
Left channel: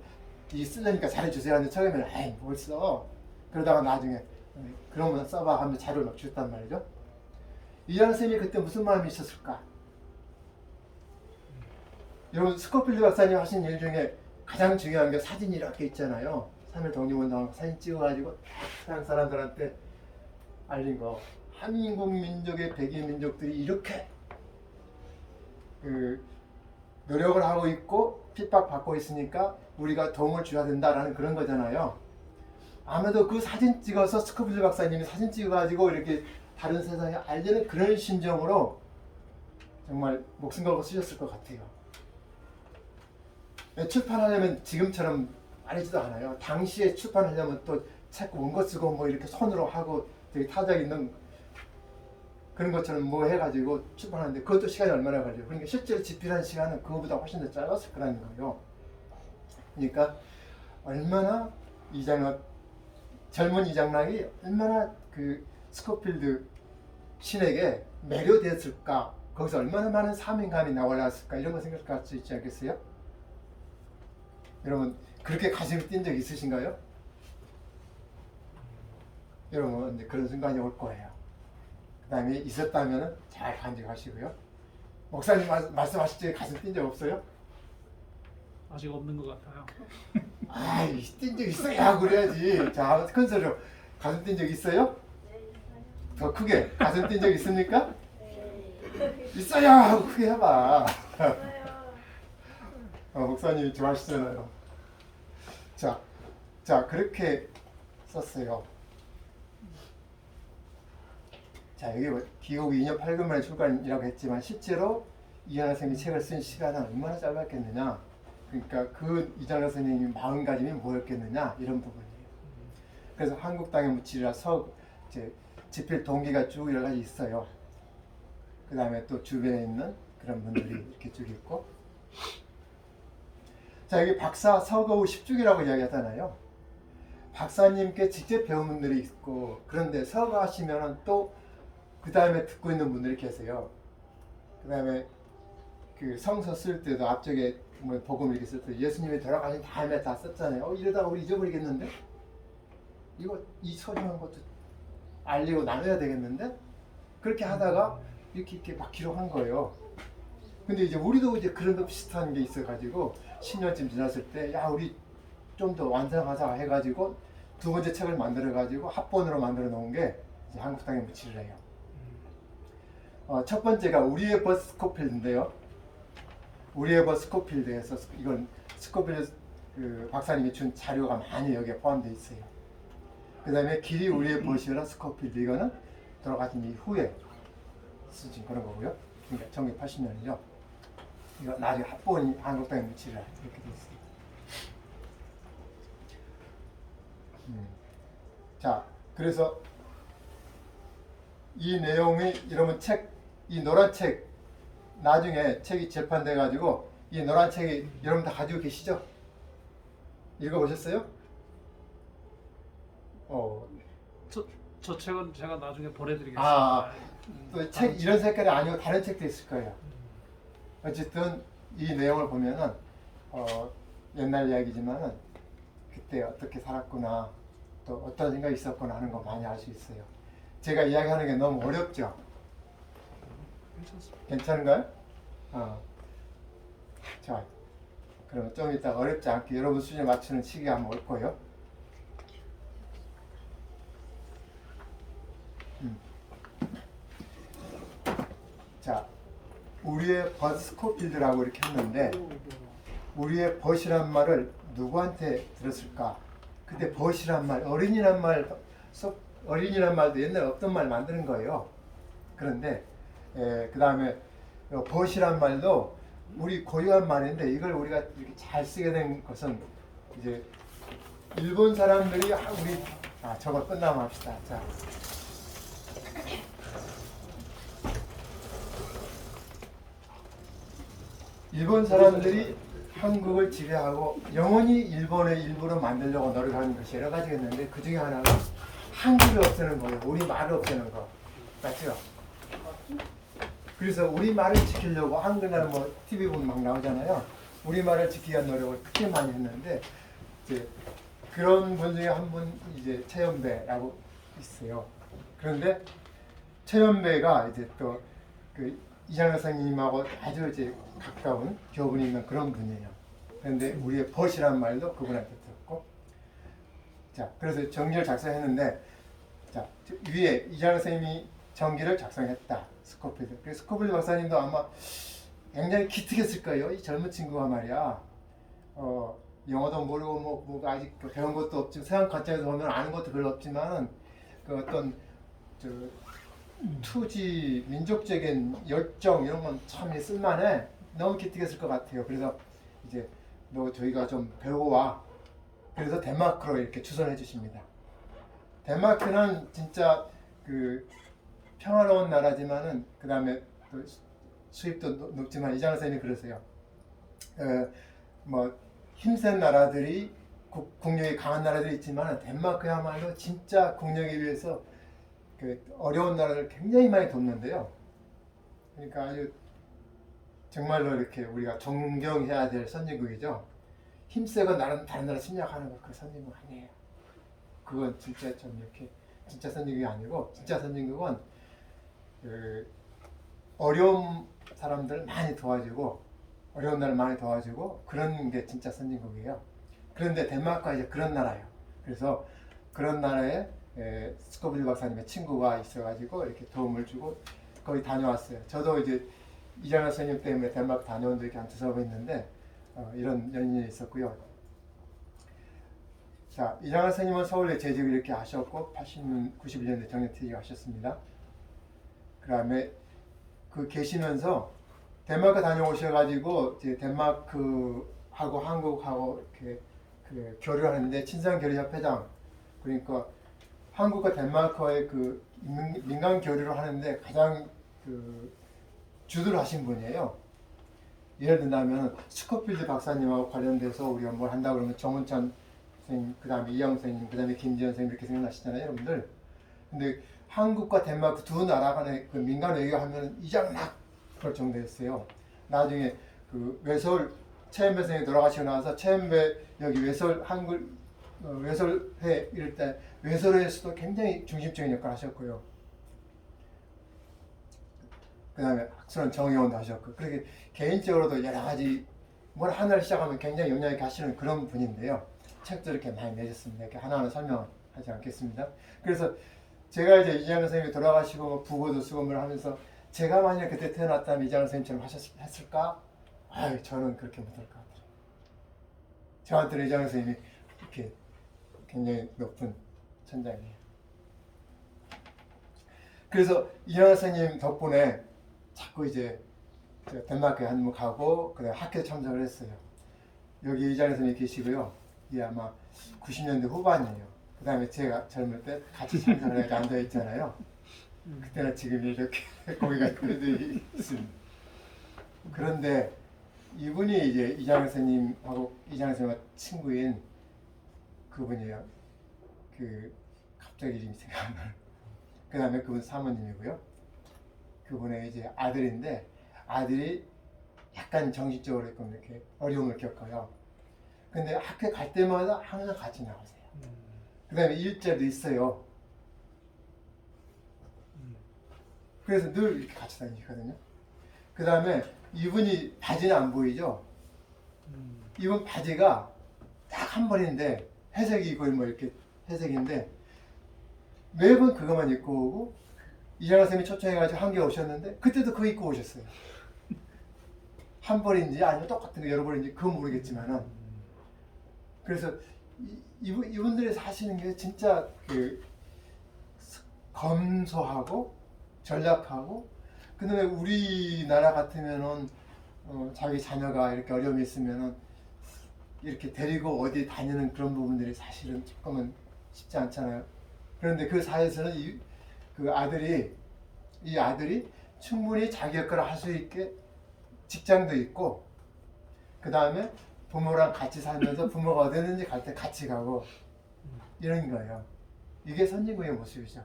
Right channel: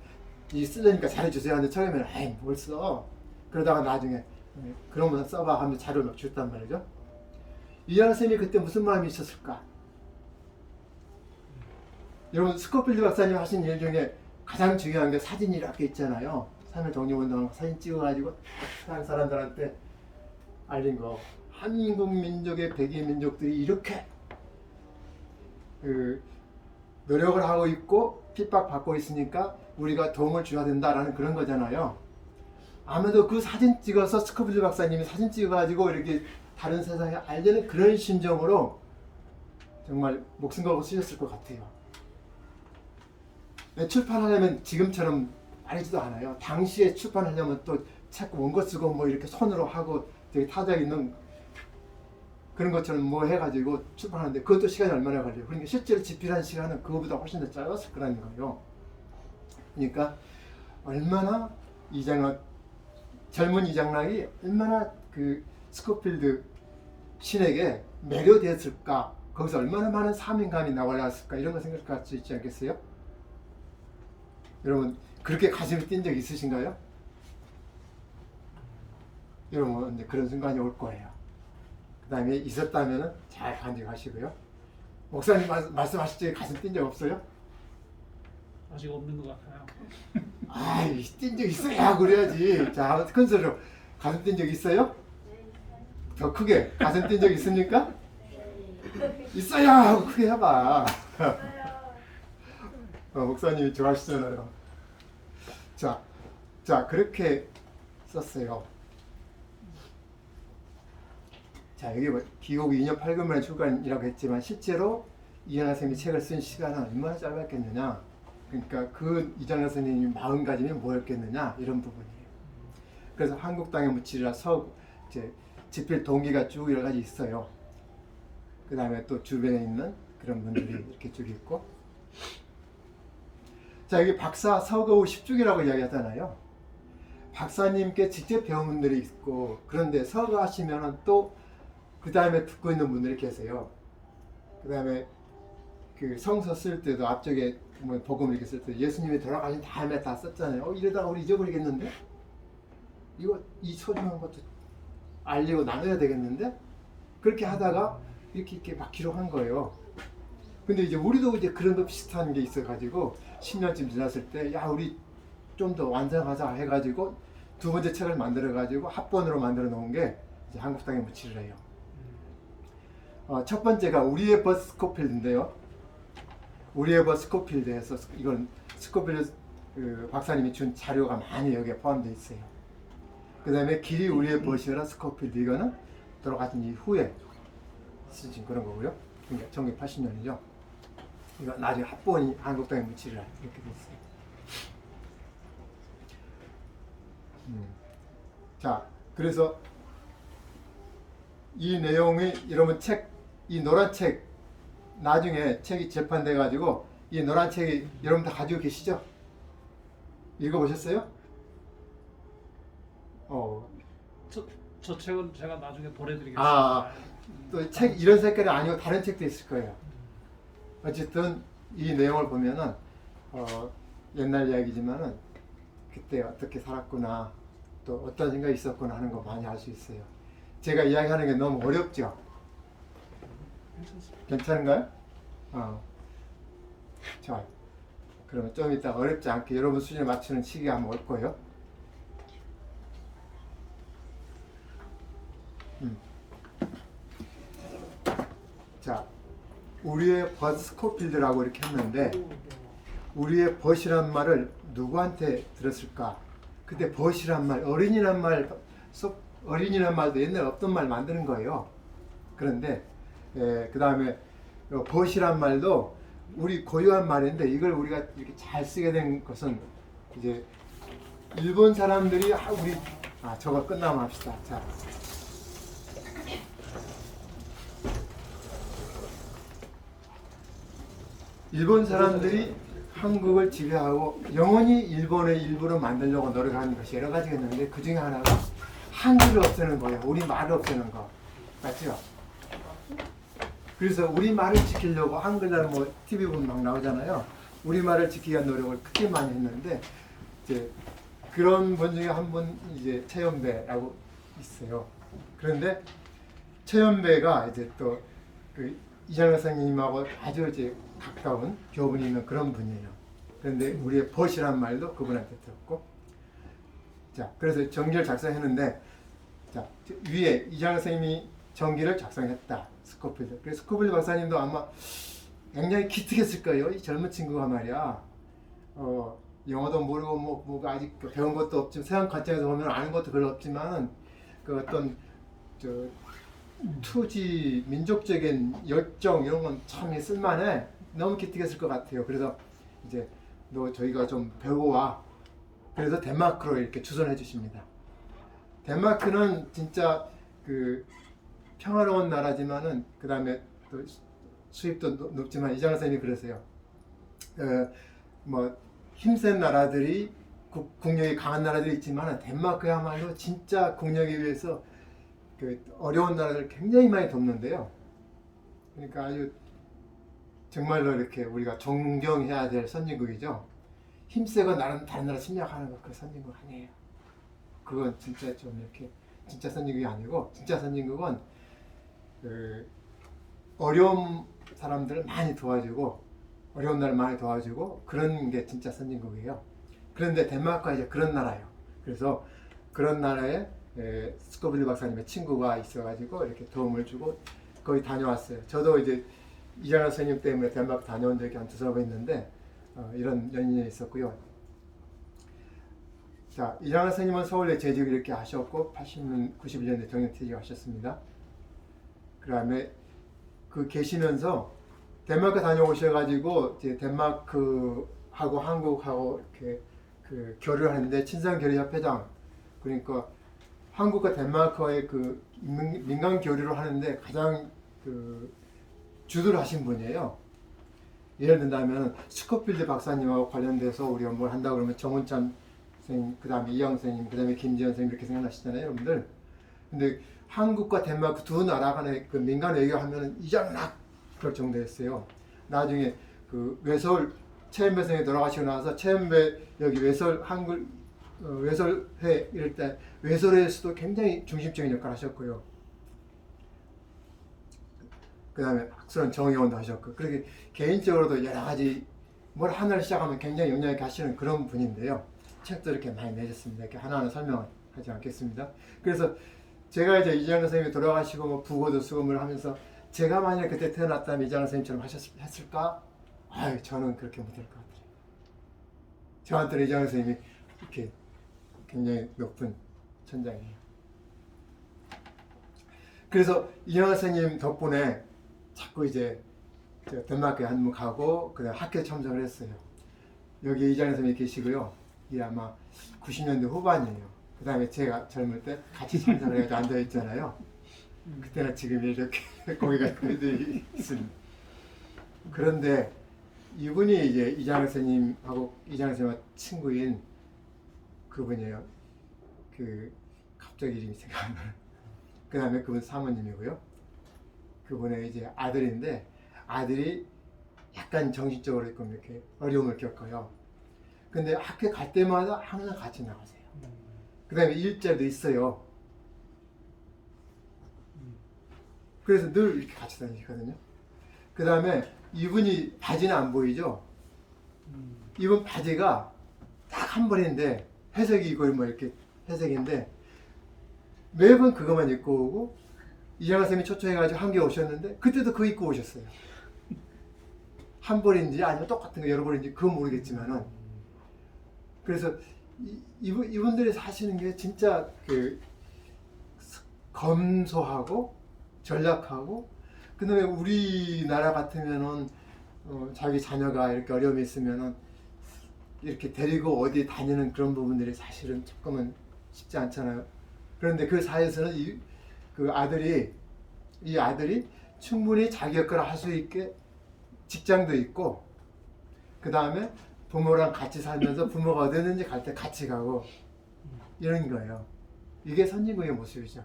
이 쓰려니까 잘해주세요 하는데 처음에는 뭘 써. 그러다가 나중에 그러면 써봐 하면 자료를 막 줬단 말이죠. 이장학 선생님이 그때 무슨 마음이 있었을까? 여러분 스코필드 박사님 하신 일 중에 가장 중요한 게 사진이라고 있잖아요. 산을 독립운동하고 사진 찍어가지고 다른 사람들한테 알린 거. 한국 민족의 백인 민족들이 이렇게 노력을 하고 있고 핍박받고 있으니까 우리가 도움을 줘야 된다라는 그런 거잖아요. 아마도 그 사진 찍어서 스코필드 박사님이 사진 찍어가지고 이렇게 다른 세상에 알리는 그런 심정으로 정말 목숨 걸고 쓰셨을 것 같아요. 출판하려면 지금처럼 빠르지도 않아요. 당시에 출판하려면 또 책 원고 쓰고 뭐 이렇게 손으로 하고 되게 타작 있는 그런 것처럼 뭐 해가지고 출판하는데 그것도 시간이 얼마나 걸려요. 그러니까 실제로 집필한 시간은 그거보다 훨씬 더 짧았을 거라는 거예요. 그러니까 얼마나 젊은 이장락이 얼마나 그 스코필드 신에게 매료되었을까, 거기서 얼마나 많은 사명감이 나올랐을까 이런 거 생각할 수 있지 않겠어요? 여러분 그렇게 가슴이 뛴 적 있으신가요? 여러분 이제 그런 순간이 올 거예요. 그 다음에 있었다면 잘 간직하시고요. 목사님 말씀하실 때 가슴 뛴 적 없어요? 아직 없는 것 같아요. 아이 뛴 적 있어야 그래야지. 자, 큰 소리로 가슴 뛴 적 있어요? 더 크게 가슴 뛴 적 있습니까? 있어야 하고 크게 해봐. 목사님이 좋아하시잖아요. 자 그렇게 썼어요. 자 여기 뭐 기록 2년 8개월 만에 출간이라고 했지만 실제로 이장락 선생님이 책을 쓴 시간은 얼마나 짧았겠느냐. 그러니까 그 이장락 선생님이 마음가짐이 뭐였겠느냐 이런 부분이에요. 그래서 한국 땅에 묻히리라 이제 집필 동기가 쭉 여러 가지 있어요. 그 다음에 또 주변에 있는 그런 분들이 이렇게 쭉 있고. 자 여기 박사 서거후 10주기라고 이야기하잖아요. 박사님께 직접 배운 분들이 있고 그런데 서거하시면 또 그 다음에 듣고 있는 분들이 계세요. 그 다음에 그 성서 쓸 때도 앞쪽에 뭐 복음 이렇게 쓸 때 예수님이 돌아가신 다음에 다 썼잖아요. 이러다가 우리 잊어버리겠는데? 이 소중한 것도 알리고 나눠야 되겠는데? 그렇게 하다가 이렇게 막 기록한 거예요. 근데 이제 우리도 이제 그런 거 비슷한 게 있어가지고 10년쯤 지났을 때 야 우리 좀 더 완성하자 해가지고 두 번째 책을 만들어가지고 합본으로 만들어 놓은 게 이제 한국 땅에 묻히리라요. 첫 번째가 우리의 벗 스코필드인데요. 우리의 벗 스코필드에서 이건 스코필드 그 박사님이 준 자료가 많이 여기에 포함되어 있어요. 그 다음에 길이 우리의 벗이라 스코필드 이거는 돌아가신 이후에 쓰신 그런 거고요. 그러니까 1980년이죠. 이거 나중에 합본이 한국 땅에 묻히리라 이렇게 되어 있어요. 자, 그래서 이 내용이 여러분 이 노란 책 나중에 책이 재판돼 가지고 이 노란 책이 여러분 다 가지고 계시죠? 읽어보셨어요? 저 책은 제가 나중에 보내드리겠습니다. 또 책 이런 색깔이 아니고 다른 책도 있을 거예요. 어쨌든 이 내용을 보면은 옛날 이야기지만은 그때 어떻게 살았구나 또 어떤 생각이 있었구나 하는 거 많이 알 수 있어요. 제가 이야기하는 게 너무 어렵죠? 괜찮은가요? 자, 그러면 좀 이따 어렵지 않게 여러분 수준에 맞추는 시기가 한번 올 거예요. 자, 우리의 벗 스코필드라고 이렇게 했는데 우리의 벗이란 말을 누구한테 들었을까? 그때 벗이란 말, 어린이란 말도 옛날에 없던 말 만드는 거예요. 그런데 그 다음에 벗이란 말도 우리 고유한 말인데 이걸 우리가 이렇게 잘 쓰게 된 것은 이제 일본 사람들이 저거 끝나면 합시다. 자. 일본 사람들이 한국을 지배하고 영원히 일본의 일부로 만들려고 노력하는 것이 여러 가지가 있는데 그 중에 하나가 한글을 없애는 거예요. 우리 말을 없애는 거. 맞죠? 그래서 우리 말을 지키려고 한글날 뭐 TV 보면 막 나오잖아요. 우리 말을 지키기 위한 노력을 크게 많이 했는데 이제 그런 분 중에 한 분 이제 최연배라고 있어요. 그런데 최연배가 이제 또 그 이장현 선생님하고 아주 이제 가까운 교분이 있는 그런 분이에요. 그런데 우리의 벗이란 말도 그분한테 들었고, 자 그래서 정기를 작성했는데, 자 위에 이장현 선생님이 정기를 작성했다. 스코필드. 그래서 스코필드 박사님도 아마 굉장히 기특했을 거예요. 이 젊은 친구가 말이야. 영어도 모르고 뭐 아직 배운 것도 없지만 세상 관점에서 보면 아는 것도 별로 없지만 그 어떤 저 투지 민족적인 열정 이런 건 참 쓸만해. 너무 기특했을 것 같아요. 그래서 이제 너 저희가 좀 배우고 와. 그래서 덴마크로 이렇게 추선해 주십니다. 덴마크는 진짜 그 평화로운 나라지만은 그 다음에 또 수입도 높지만 이장현 선생님이 그러세요. 뭐 힘센 나라들이 국력이 강한 나라들이 있지만 덴마크야말로 진짜 국력에 비해서 그 어려운 나라를 굉장히 많이 돕는데요. 그러니까 아주 정말로 이렇게 우리가 존경해야 될 선진국이죠. 힘세고 다른 나라 침략하는 거 그 선진국 아니에요. 그건 진짜 좀 이렇게 진짜 선진국이 아니고, 진짜 선진국은 그 어려운 사람들을 많이 도와주고 어려운 나라를 많이 도와주고 그런 게 진짜 선진국이에요. 그런데 덴마크가 이제 그런 나라예요. 그래서 그런 나라에 스코빌드 박사님의 친구가 있어가지고 이렇게 도움을 주고 거기 다녀왔어요. 저도 이제 이장현 선생님 때문에 덴마크 다녀온 적이 한 2번 있는데 이런 연인이 있었고요. 자, 이장현 선생님은 서울에 재직 이렇게 하셨고 91년에 정년퇴직하셨습니다. 그 다음에 그 계시면서 덴마크 다녀오셔가지고 이제 덴마크하고 한국하고 이렇게 그 교류를 하는데 친선교류협회장, 그러니까 한국과 덴마크와의 그 민간 교류를 하는데 가장 그 주도를 하신 분이에요. 예를 든다면 스코필드 박사님하고 관련돼서 우리가 뭘 한다 그러면 정은찬 선생님, 그 다음에 이영 선생님, 그 다음에 김지현 선생님 이렇게 생각나시잖아요, 여러분들. 근데 한국과 덴마크 두 나라 간의 그 민간 외교하면 이장락 그럴 정도였어요. 나중에 그 외서울 최은배 선생님이 돌아가시고 나서 최은배 여기 외설 한글 외설회 이럴 때 외설회에서도 굉장히 중심적인 역할을 하셨고요. 그 다음에 학술은 정의원도 하셨고, 그렇게 개인적으로도 여러 가지 뭘 하나를 시작하면 굉장히 영향 있게 하시는 그런 분인데요. 책도 이렇게 많이 내셨습니다. 이렇게 하나하나 설명을 하지 않겠습니다. 그래서 제가 이제 이장현 선생님이 돌아가시고 뭐 부고도 쓰고 뭘 하면서 제가 만약 그때 태어났다면 이장현 선생님처럼 했을까? 아유, 저는 그렇게 못할 것 같아요. 저한테는 이장현 선생님이 이렇게 굉장히 높은 천장이에요. 그래서 이장현 선생님 덕분에 자꾸 이제 덴마크에 한번 가고 그다음 학교 참석을 했어요. 여기 이장현 선생님이 계시고요. 이게 아마 90년대 후반이에요. 그 다음에 제가 젊을 때 같이 참석을 해서 앉아있잖아요. 그때는 지금 이렇게 거기가 있습니다. 그런데 이분이 이제 이장현 선생님하고 이장현 선생님과 친구인 그분이에요. 그 갑자기 이름이 생각 안 나요. 그 다음에 그분 사모님이고요. 그분의 이제 아들인데 아들이 약간 정신적으로 이렇게 어려움을 겪어요. 근데 학교 갈 때마다 항상 같이 나가세요. 그 다음에 일자리도 있어요. 그래서 늘 이렇게 같이 다니거든요. 그 다음에 이분이 바지는 안 보이죠? 이분 바지가 딱 한 벌인데 회색이 거의 뭐 이렇게 회색인데 매번 그것만 입고 오고, 이장현 선생님이 초청해가지고 한 개 오셨는데 그때도 그거 입고 오셨어요. 한 벌인지 아니면 똑같은 거 여러 벌인지 그건 모르겠지만은. 그래서 이분들이 사시는 게 진짜 그 검소하고 전략하고, 그다음에 우리나라 같으면은 자기 자녀가 이렇게 어려움이 있으면은 이렇게 데리고 어디 다니는 그런 부분들이 사실은 조금은 쉽지 않잖아요. 그런데 그 사이에서는 이 아들이 충분히 자기 역할을 할 수 있게 직장도 있고, 그 다음에 부모랑 같이 살면서 부모가 어디든지 갈 때 같이 가고 이런 거예요. 이게 선진국의 모습이죠.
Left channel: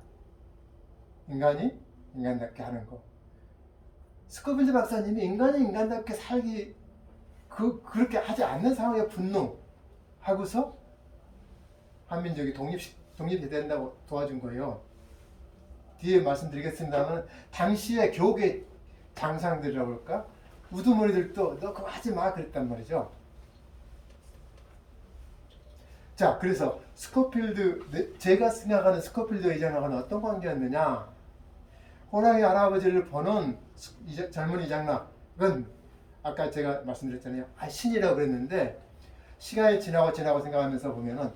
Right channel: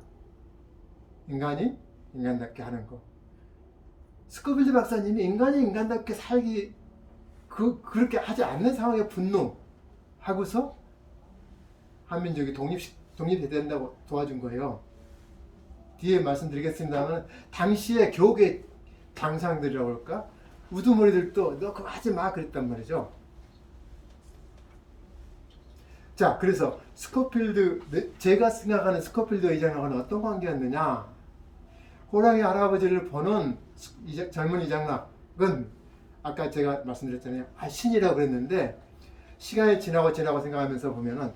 인간이 인간답게 하는 거. 스코빌드 박사님이 인간이 인간답게 살기 그렇게 하지 않는 상황에 분노하고서 한민족이 독립이 된다고 도와준 거예요. 뒤에 말씀드리겠습니다만 당시에 교계 장상들이라고 그럴까? 우두머리들도 너 그거 하지 마 그랬단 말이죠. 자, 그래서 스코필드, 제가 생각하는 스코필드 이장락은 어떤 관계였느냐? 호랑이 할아버지를 보는 젊은 이장락은 아까 제가 말씀드렸잖아요. 신이라고 그랬는데 시간이 지나고 생각하면서 보면은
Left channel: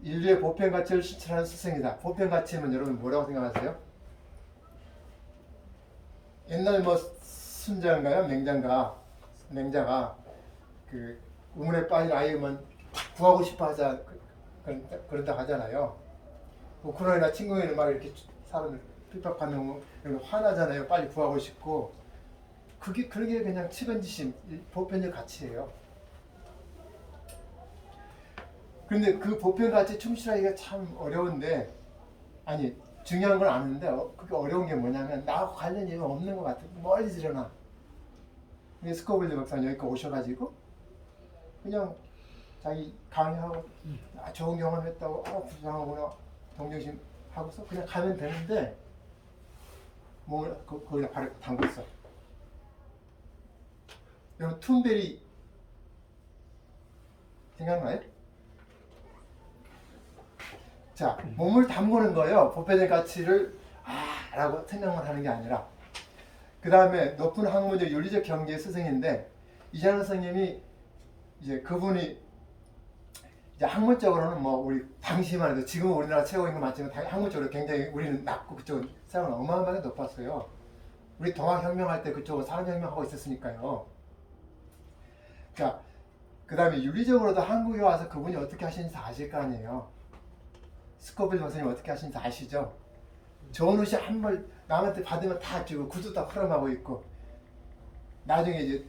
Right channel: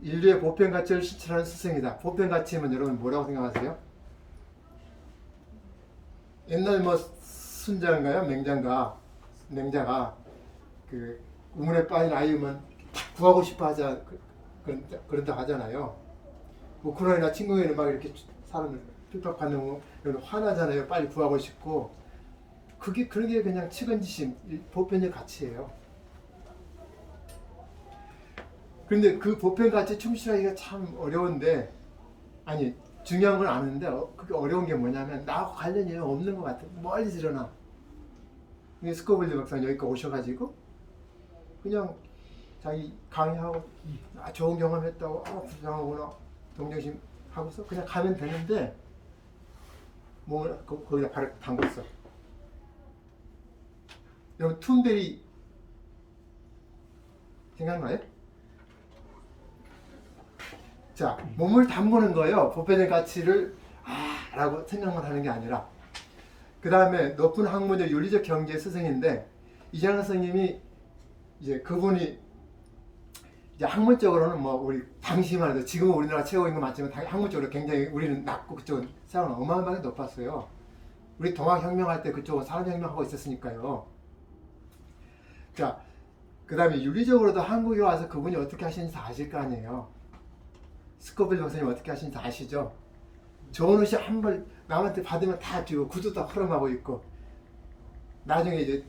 인류의 보편 가치를 실천하는 스승이다. 보편 가치면 여러분 뭐라고 생각하세요? 옛날 뭐 순자인가요? 맹자가 그 우물에 빠진 아이면 구하고 싶어 하자 그런다 하잖아요. 우크라이나 침공에는 막 이렇게 사람을 핍박하는 화나잖아요. 빨리 구하고 싶고 그런 게 그냥 측은지심, 보편적 가치예요. 그런데 그 보편 가치 충실하기가 참 어려운데 아니 중요한 건 아는데 그게 어려운 게 뭐냐면 나하고 관련이 없는 것 같아. 멀리서 일어나. 스코필드 박사님 여기까지 오셔가지고 그냥 자기 강의하고 좋은 경험했다고 불쌍하구나 동정심 하고서 그냥 가면 되는데 뭐 거기다 발을 담궜어. 여러분 툰베리 생각나요? 자, 몸을 담그는 거예요. 보편적 가치를 라고 생각만 하는 게 아니라 그 다음에 높은 학문적 윤리적 경제의 스승인데 이장로 선생님이 이제 그분이 이제 학문적으로는 뭐 우리 당시만 해도 지금 우리나라 최고인 거 맞지만 학문적으로 굉장히 우리는 낮고 그쪽은 상은 어마어마하게 높았어요. 우리 동학혁명 할 때 그쪽은 산업혁명 하고 있었으니까요. 자, 그 다음에 윤리적으로도 한국에 와서 그분이 어떻게 하시는지 다 아실 거 아니에요. 스코필드 박사님 어떻게 하시는지 아시죠? 좋은 옷이 한 벌 남한테 받으면 다 주고 구두 다 허름하고 있고 나중에 이제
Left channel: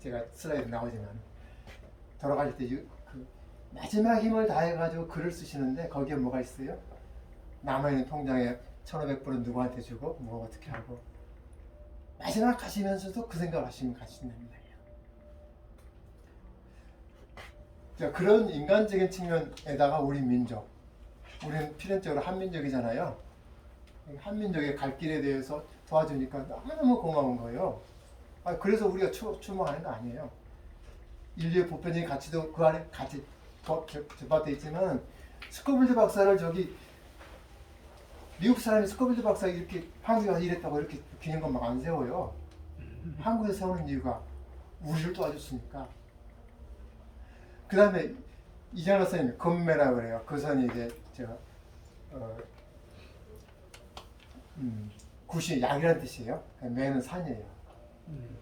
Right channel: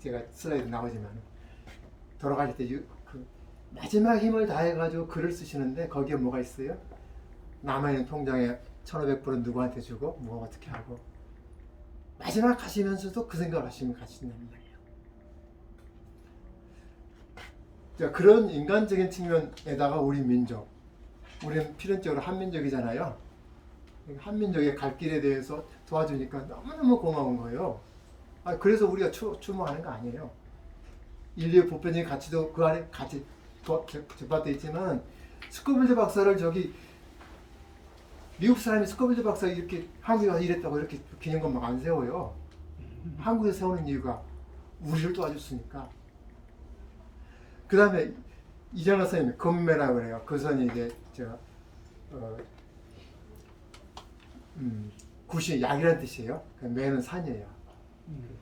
제가 슬라이드 나오지만 돌아가실 때 그 마지막 힘을 다해가지고 글을 쓰시는데 거기에 뭐가 있어요? 남아있는 통장에 1,500불은 누구한테 주고 뭐 어떻게 하고 마지막 가시면서도 그 생각하시면 가시는 거예요. 자, 그런 인간적인 측면에다가 우리 민족, 우리는 필연적으로 한민족이잖아요. 한민족의 갈 길에 대해서 도와주니까 너무너무 고마운 거예요. 그래서 우리가 추모하는 거 아니에요. 인류의 보편적인 가치도 그 안에 같이 접합되어 있지만 스코필드 박사를 미국 사람이 스코필드 박사 이렇게 한국에 와서 이랬다고 이렇게 기념관 막 안 세워요. 한국에 세우는 이유가 우리를 도와줬으니까. 그 다음에 이장로 선생님이 금매라고 그래요. 그 선이 이제 굿이 약이라는 뜻이에요. 매는 산이에요.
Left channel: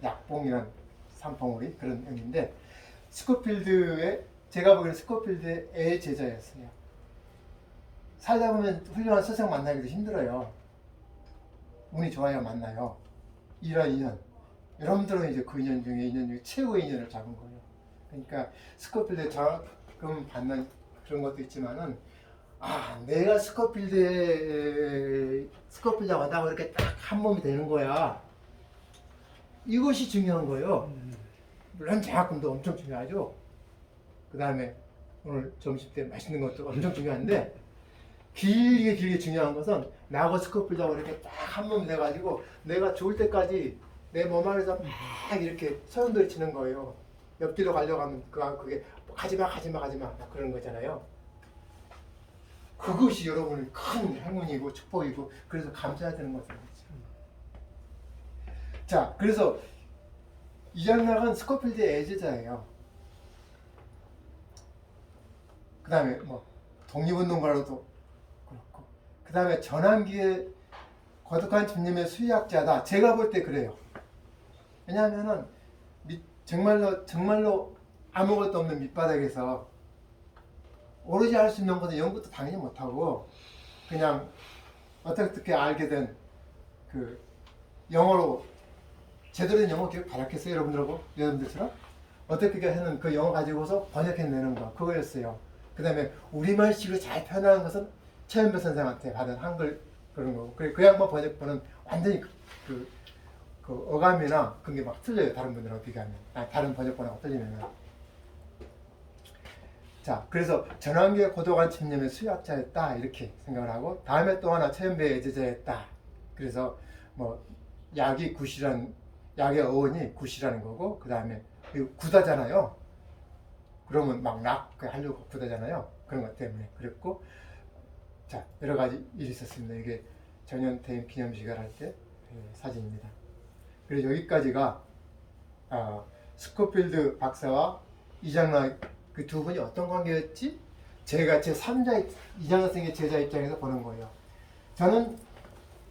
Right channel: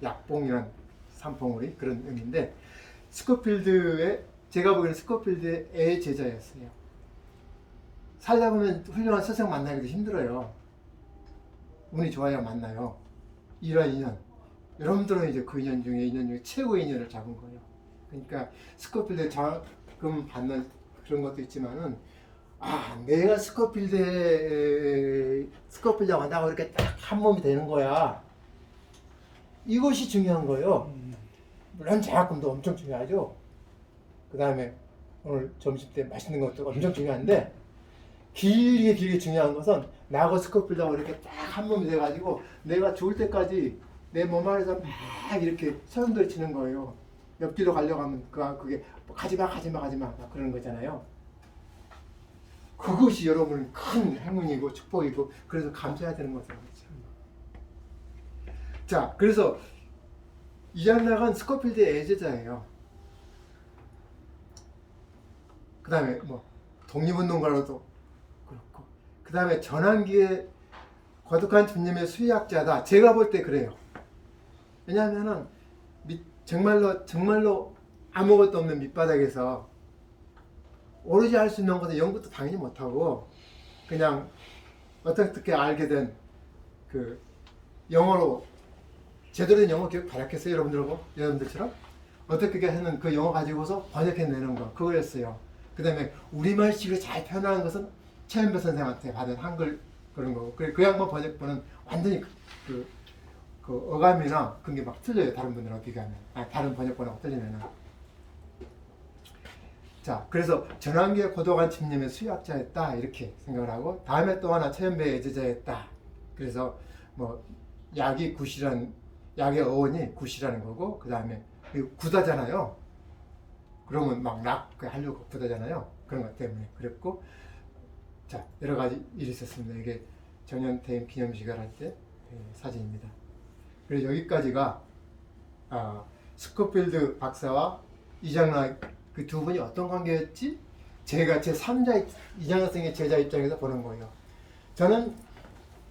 약봉이란 산봉우리 그런 의미인데 제가 보기에는 스코필드의 제자였어요. 살다 보면 훌륭한 스승 만나기도 힘들어요. 운이 좋아야 만나요. 이런 인연. 여러분들은 이제 그 인연 중에 최고의 인연을 잡은 거예요. 그러니까 스코필드 장학금 받는 그런 것도 있지만은 내가 스코필드하고 나하고 이렇게 딱 한 몸이 되는 거야. 이것이 중요한 거예요. 물론 장학금도 엄청 중요하죠. 그 다음에 오늘 점심 때 맛있는 것도 엄청 중요한데 길게 중요한 것은 나하고 스코필드하고 이렇게 딱 한 몸이 돼가지고 내가 죽을 때까지 내 몸 안에서 막 이렇게 소용돌이 치는 거예요. 옆뒤로 가려고 하면 그게 가지마 그러는 거잖아요. 그것이 여러분의 큰 행운이고 축복이고 그래서 감사해야 되는 거죠. 자, 그래서 이장락은 스코필드의 애제자예요. 그 다음에 뭐 독립운동가로도 그렇고 그 다음에 전환기에 거듭한 주님의 수의학자다. 제가 볼 때 그래요. 왜냐하면은 정말로 아무것도 없는 밑바닥에서 오로지 할 수 있는 것은 연구도 당연히 못하고 그냥 어떻게 알게 된 그 영어로 제대로 된 영어 교육 받았겠어요? 여러분들처럼 어떻게 하는 그 영어 가지고서 번역해내는 거 그거였어요. 그 다음에 우리말식으로 잘 표현하는 것은 최은배 선생님한테 받은 한글 그런 거고 그 양반 번역본은 완전히 그 어감이나 그런 게 막 틀려요. 다른 분들하고 비교하면 다른 번역본하고 틀리면은. 자, 그래서 전환기의 고도관 침님의 수학자였다 이렇게 생각을 하고 다음에 또 하나 최은배의 제자였다. 그래서 뭐 약이 굿이란 약의 어원이 굿이라는 거고 그 다음에 굿하잖아요. 그러면 막 하려고 굿하잖아요. 그런 것 때문에 그랬고 자 여러 가지 일이 있었습니다. 이게 정년퇴임 기념식을 할 때 사진입니다. 그래서 여기까지가 스코필드 박사와 이장락 그 두 분이 어떤 관계였지? 제가 제 3자 이장락 선생의 제자 입장에서 보는 거예요. 저는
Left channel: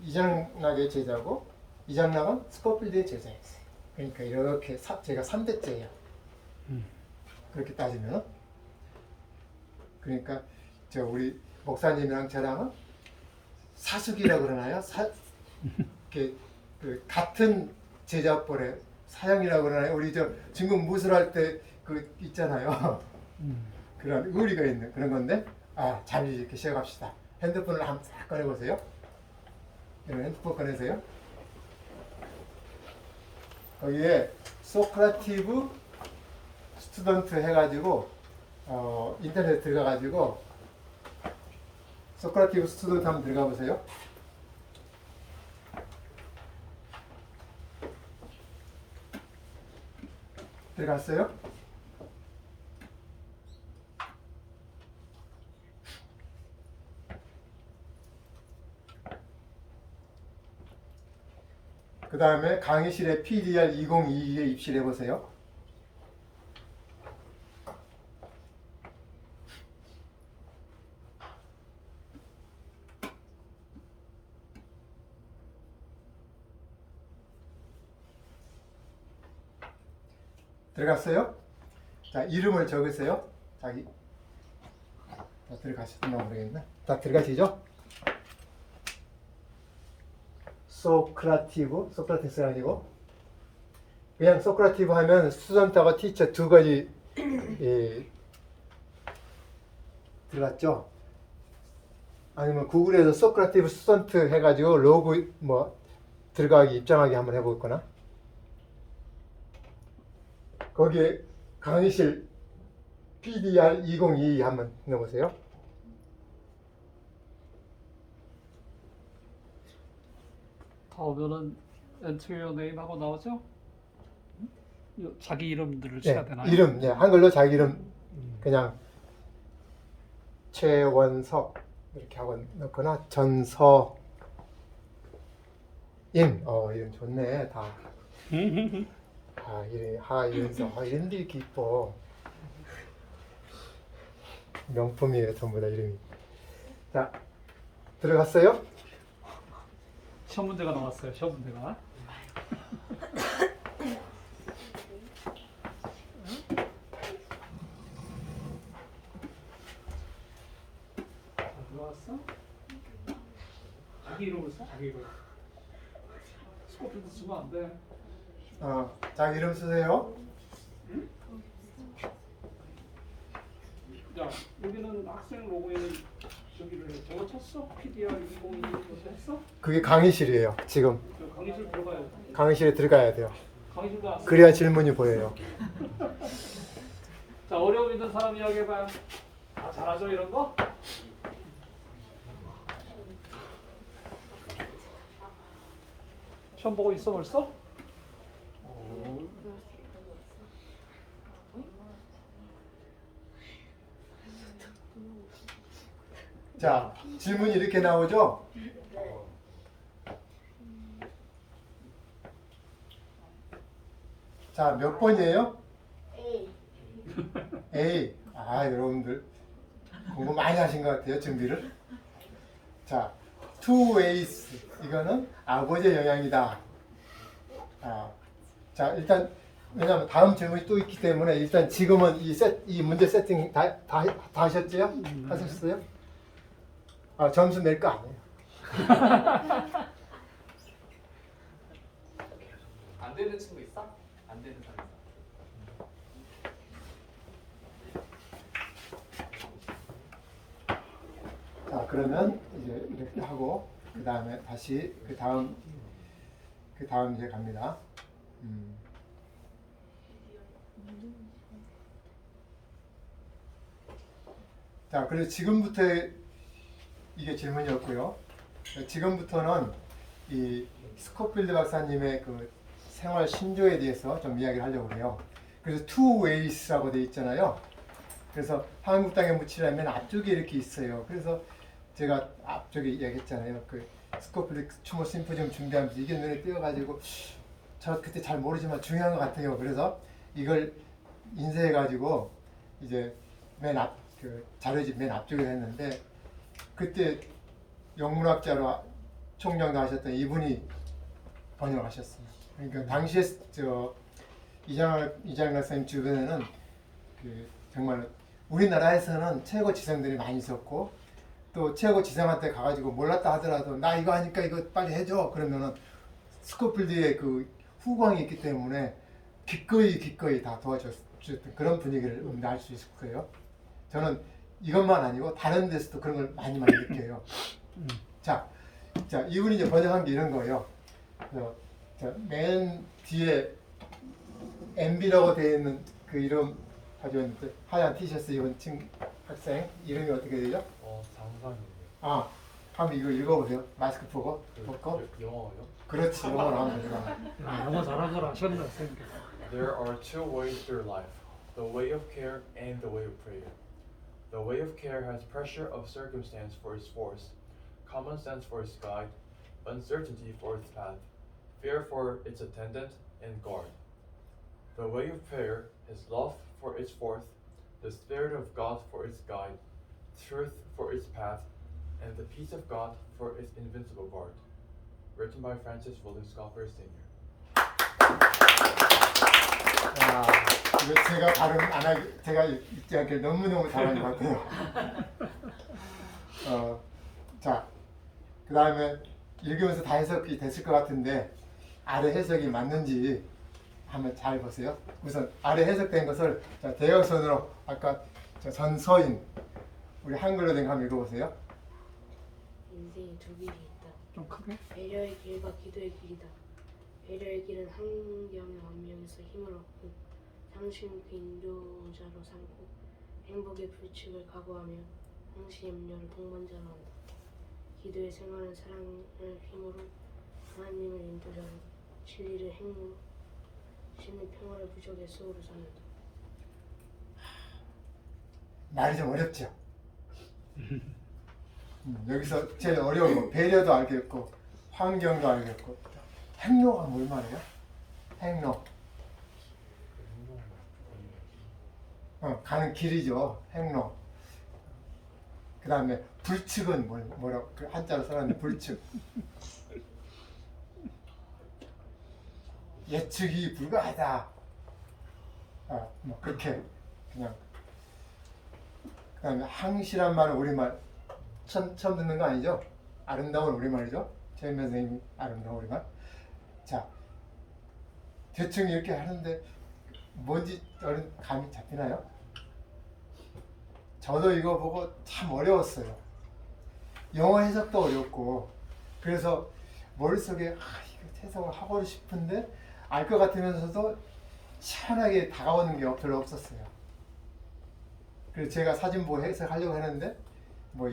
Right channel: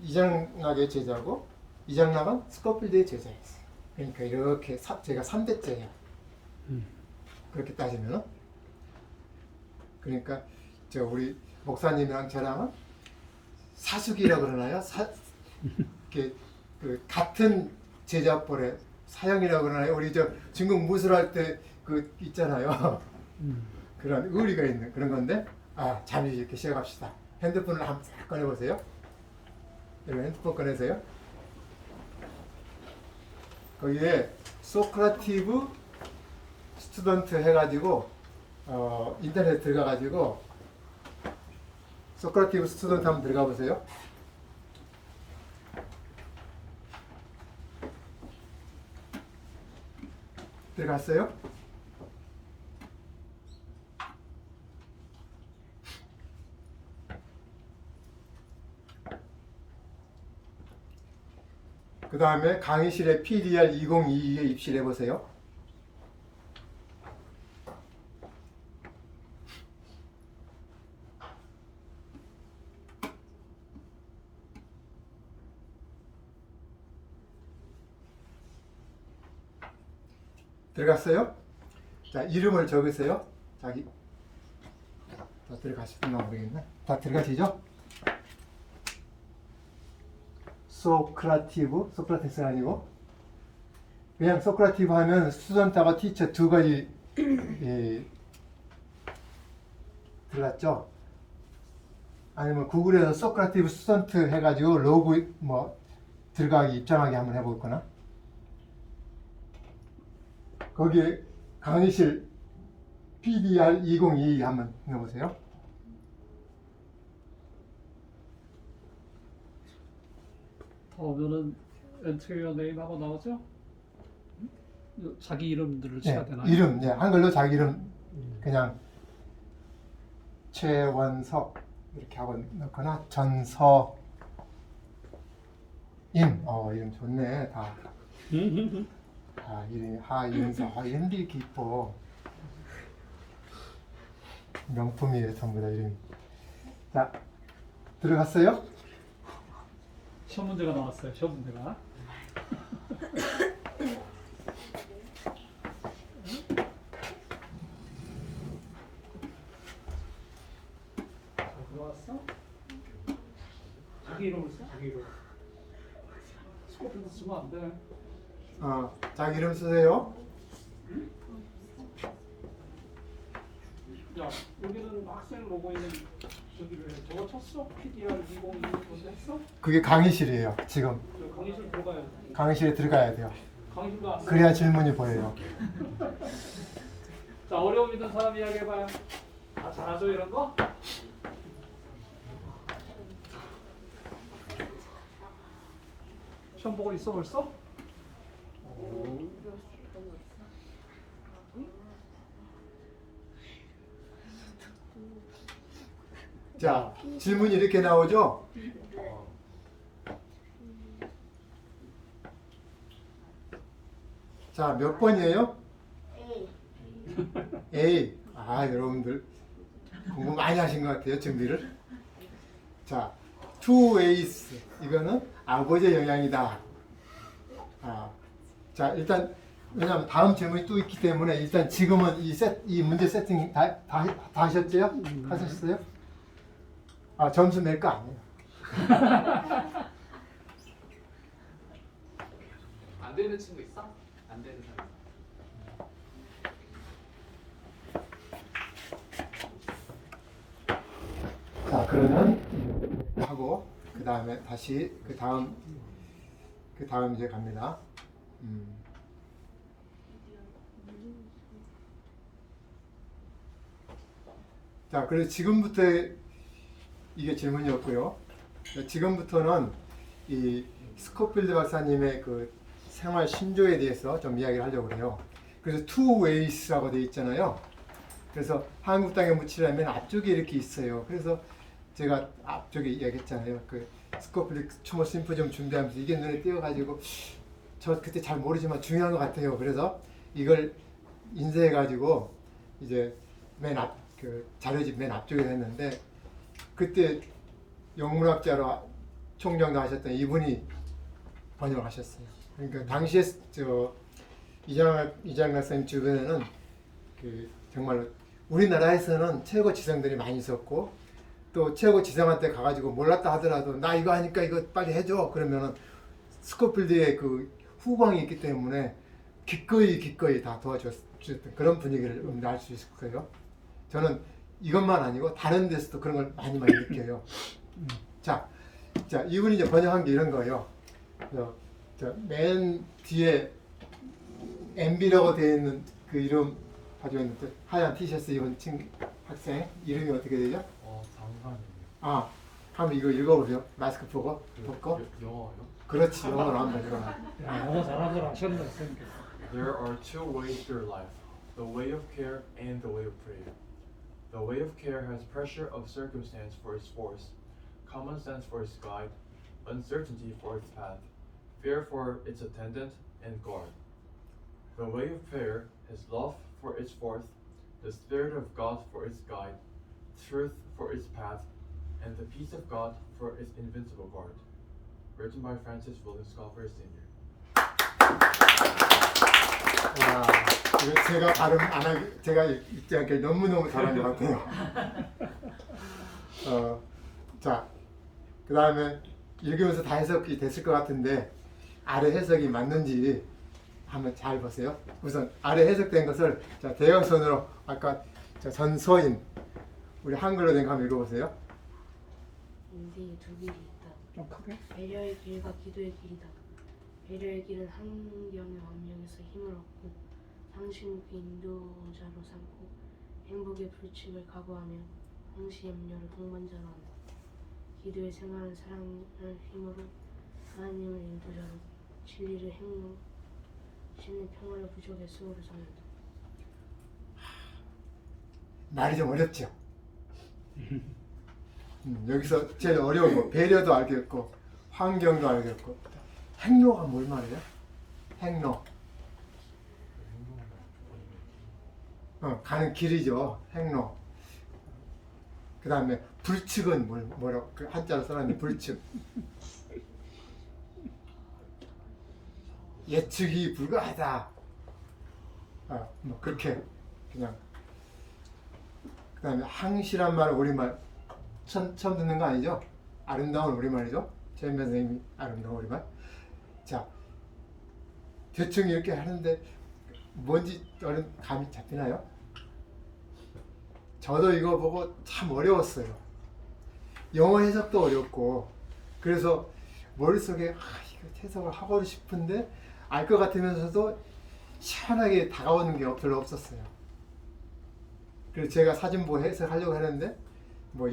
이장락의 제자고 이장락은 스코필드의 제자였어요. 그러니까 이렇게 제가 3대째예요. 그렇게 따지면 그러니까 우리 목사님이랑 저랑은 사숙이라고 그러나요? 같은 제자벌의 사형이라고 그러나요? 우리 중국 무술할 때 그 있잖아요. 그런 의리가 있는 그런 건데 잘 이렇게 시작합시다. 핸드폰을 한번 싹 꺼내보세요. 여러분 핸드폰 꺼내세요. 거기에 소크라티브 스튜던트 해가지고 인터넷에 들어가가지고 소크라티브 스튜던트 한번 들어가 보세요. 들어갔어요? 그 다음에 강의실에 PDR 2022에 입실해 보세요. 들어갔어요? 자, 이름을 적으세요. 자기. 다 들어가셨나 모르겠네. 다 들어가시죠? 소크라티스가 아니고 그냥 소크라티브 하면 스튜던트하고 티처 두 가지 들어갔죠? 아니면 구글에서 소크라티브 스튜던트 해가지고 로그 들어가기 입장하기 한번 해볼 거나 거기에 강의실 PDR 2022 한번 넣어보세요. 다음에는 Enter your name 하고 나오죠? 자기 이름들을 쳐야 되나요? 이름, 한글로 자기 이름 그냥 최원석 이렇게 하고 넣거나 전서인 이름 좋네 다. 이름이 하윤서 이름도 이렇게 이뻐. 명품이에요 전부 다 이름이. 자 들어갔어요? 시험 문제가 나왔어요. 시험 문제가. 들어왔어? 자기 이름을 써? 자기 이름. 스코필드 쓰면 안 돼. 자기 이름 쓰세요. 야, 여기는 학생 로고에는 저기를 저거 쳤어? PDR 2021 먼저 했어? 그게 강의실이에요. 지금 강의실 들어가야 돼. 강의실에 들어가야 돼요. 강의실도 왔어. 그래야 질문이 보여요. 자, 어려움 있는 사람 이야기해봐요. 다 잘하죠 이런 거? 시험 보고 있어 벌써? 자 질문이 이렇게 나오죠. 자 몇 번이에요? A. 여러분들 공부 많이 하신 것 같아요. 준비를. 자, two ways 이거는 아버지의 영향이다. 자 일단 왜냐하면 다음 질문이 또 있기 때문에 일단 지금은 이 문제 세팅 다 하셨죠? 하셨어요? 점수 낼 거 아니에요. 안 되는 친구 있어? 안 되는 사람 있어? 자 그러면 이렇게 하고 그 다음에 다시 그 다음 이제 갑니다. 자 그래서 지금부터 이게 질문이었고요. 지금부터는 이 스코필드 박사님의 그 생활 신조에 대해서 좀 이야기를 하려고 그래요. 그래서 two ways라고 되어 있잖아요. 그래서 한국 땅에 묻히려면 앞쪽에 이렇게 있어요. 그래서 제가 앞쪽에 이야기했잖아요. 그 스코필드 추모 심포지엄 준비하면서 이게 눈에 띄어가지고 저 그때 잘 모르지만 중요한 것 같아요. 그래서 이걸 인쇄해가지고 이제 맨 앞 그 자료집 맨 앞쪽에 했는데 그때 영문학자로 총정도 하셨던 이분이 번역을 하셨어요. 그러니까 당시에 저 이장 박사님 주변에는 그 정말 우리나라에서는 최고 지성들이 많이 있었고 또 최고 지성한테 가가지고 몰랐다 하더라도 나 이거 하니까 이거 빨리 해줘 그러면은 스코필드의 그 후광이 있기 때문에 기꺼이 다 도와줬던 그런 분위기를 알 수 있을 거예요. 저는 이것만 아니고 다른 데서도 그런 걸 많이 느껴요. 자, 이분이 이제 번역한 게 이런 거예요. 맨 뒤에 MB라고 되어 있는 그 이름 가지고 있는데 하얀 티셔츠 입은 학생 이름이 어떻게 되죠? 장상이요. 아, 한번 이거 읽어보세요. 마스크 벗고. 영어요? 그렇지, 영어로 하면 되죠. 영어 잘하는 걸 아셨는데. There are two ways through life, the way of care and the way of prayer. The way of care has pressure of circumstance for its force, common sense for its guide, uncertainty for its path, fear for its attendant and guard. The way of prayer has love for its force, the Spirit of God for its guide, truth for its path, and the peace of God for its invincible guard. Written by Francis William Scoffer Sr. 와, 이거 제가 발음 안 하기, 제가 읽지 않게 너무너무 잘한 것 같아요. 자, 그 다음에 읽으면서 다 해석이 됐을 것 같은데 아래 해석이 맞는지 한번 잘 보세요. 우선 아래 해석된 것을 자, 대형선으로 아까 저 전소인 우리 한글로 된 거 한번 읽어보세요. 인생에 두 길이 있다. 좀 크게. 배려의 길과 기도의 길이다. 배려의 길은 환경의 압력에서 힘을 얻고 상심을 인도자로 삼고 행복의 불칙을 각오하며 항시 염려를 동반자로 한다. 기도의 생활은 사랑을 힘으로 하나님을 인도자로 진리를 행로 신의 평화를 부족의 수호를 삼는다. 말이 좀 어렵죠. 여기서 제일 어려운 거 배려도 알겠고 환경도 알겠고 행로가 뭘 말이에요? 행로. 가는 길이죠. 행로. 그 다음에 불측은 뭐라고 그 한자로 써놨는데 불측. 예측이 불가하다. 뭐 그렇게 그냥. 그 다음에 항시란 말은 우리말 처음 듣는 거 아니죠? 아름다운 우리말이죠? 최현변 선생님이 아름다운 우리말. 자, 대충 이렇게 하는데 뭔지 어른 감이 잡히나요? 저도 이거 보고 참 어려웠어요. 영어 해석도 어렵고 그래서 머릿속에 이거 해석을 하고 싶은데 알 것 같으면서도 시원하게 다가오는 게 별로 없었어요. 그래서 제가 사진 보고 해석하려고 했는데 뭐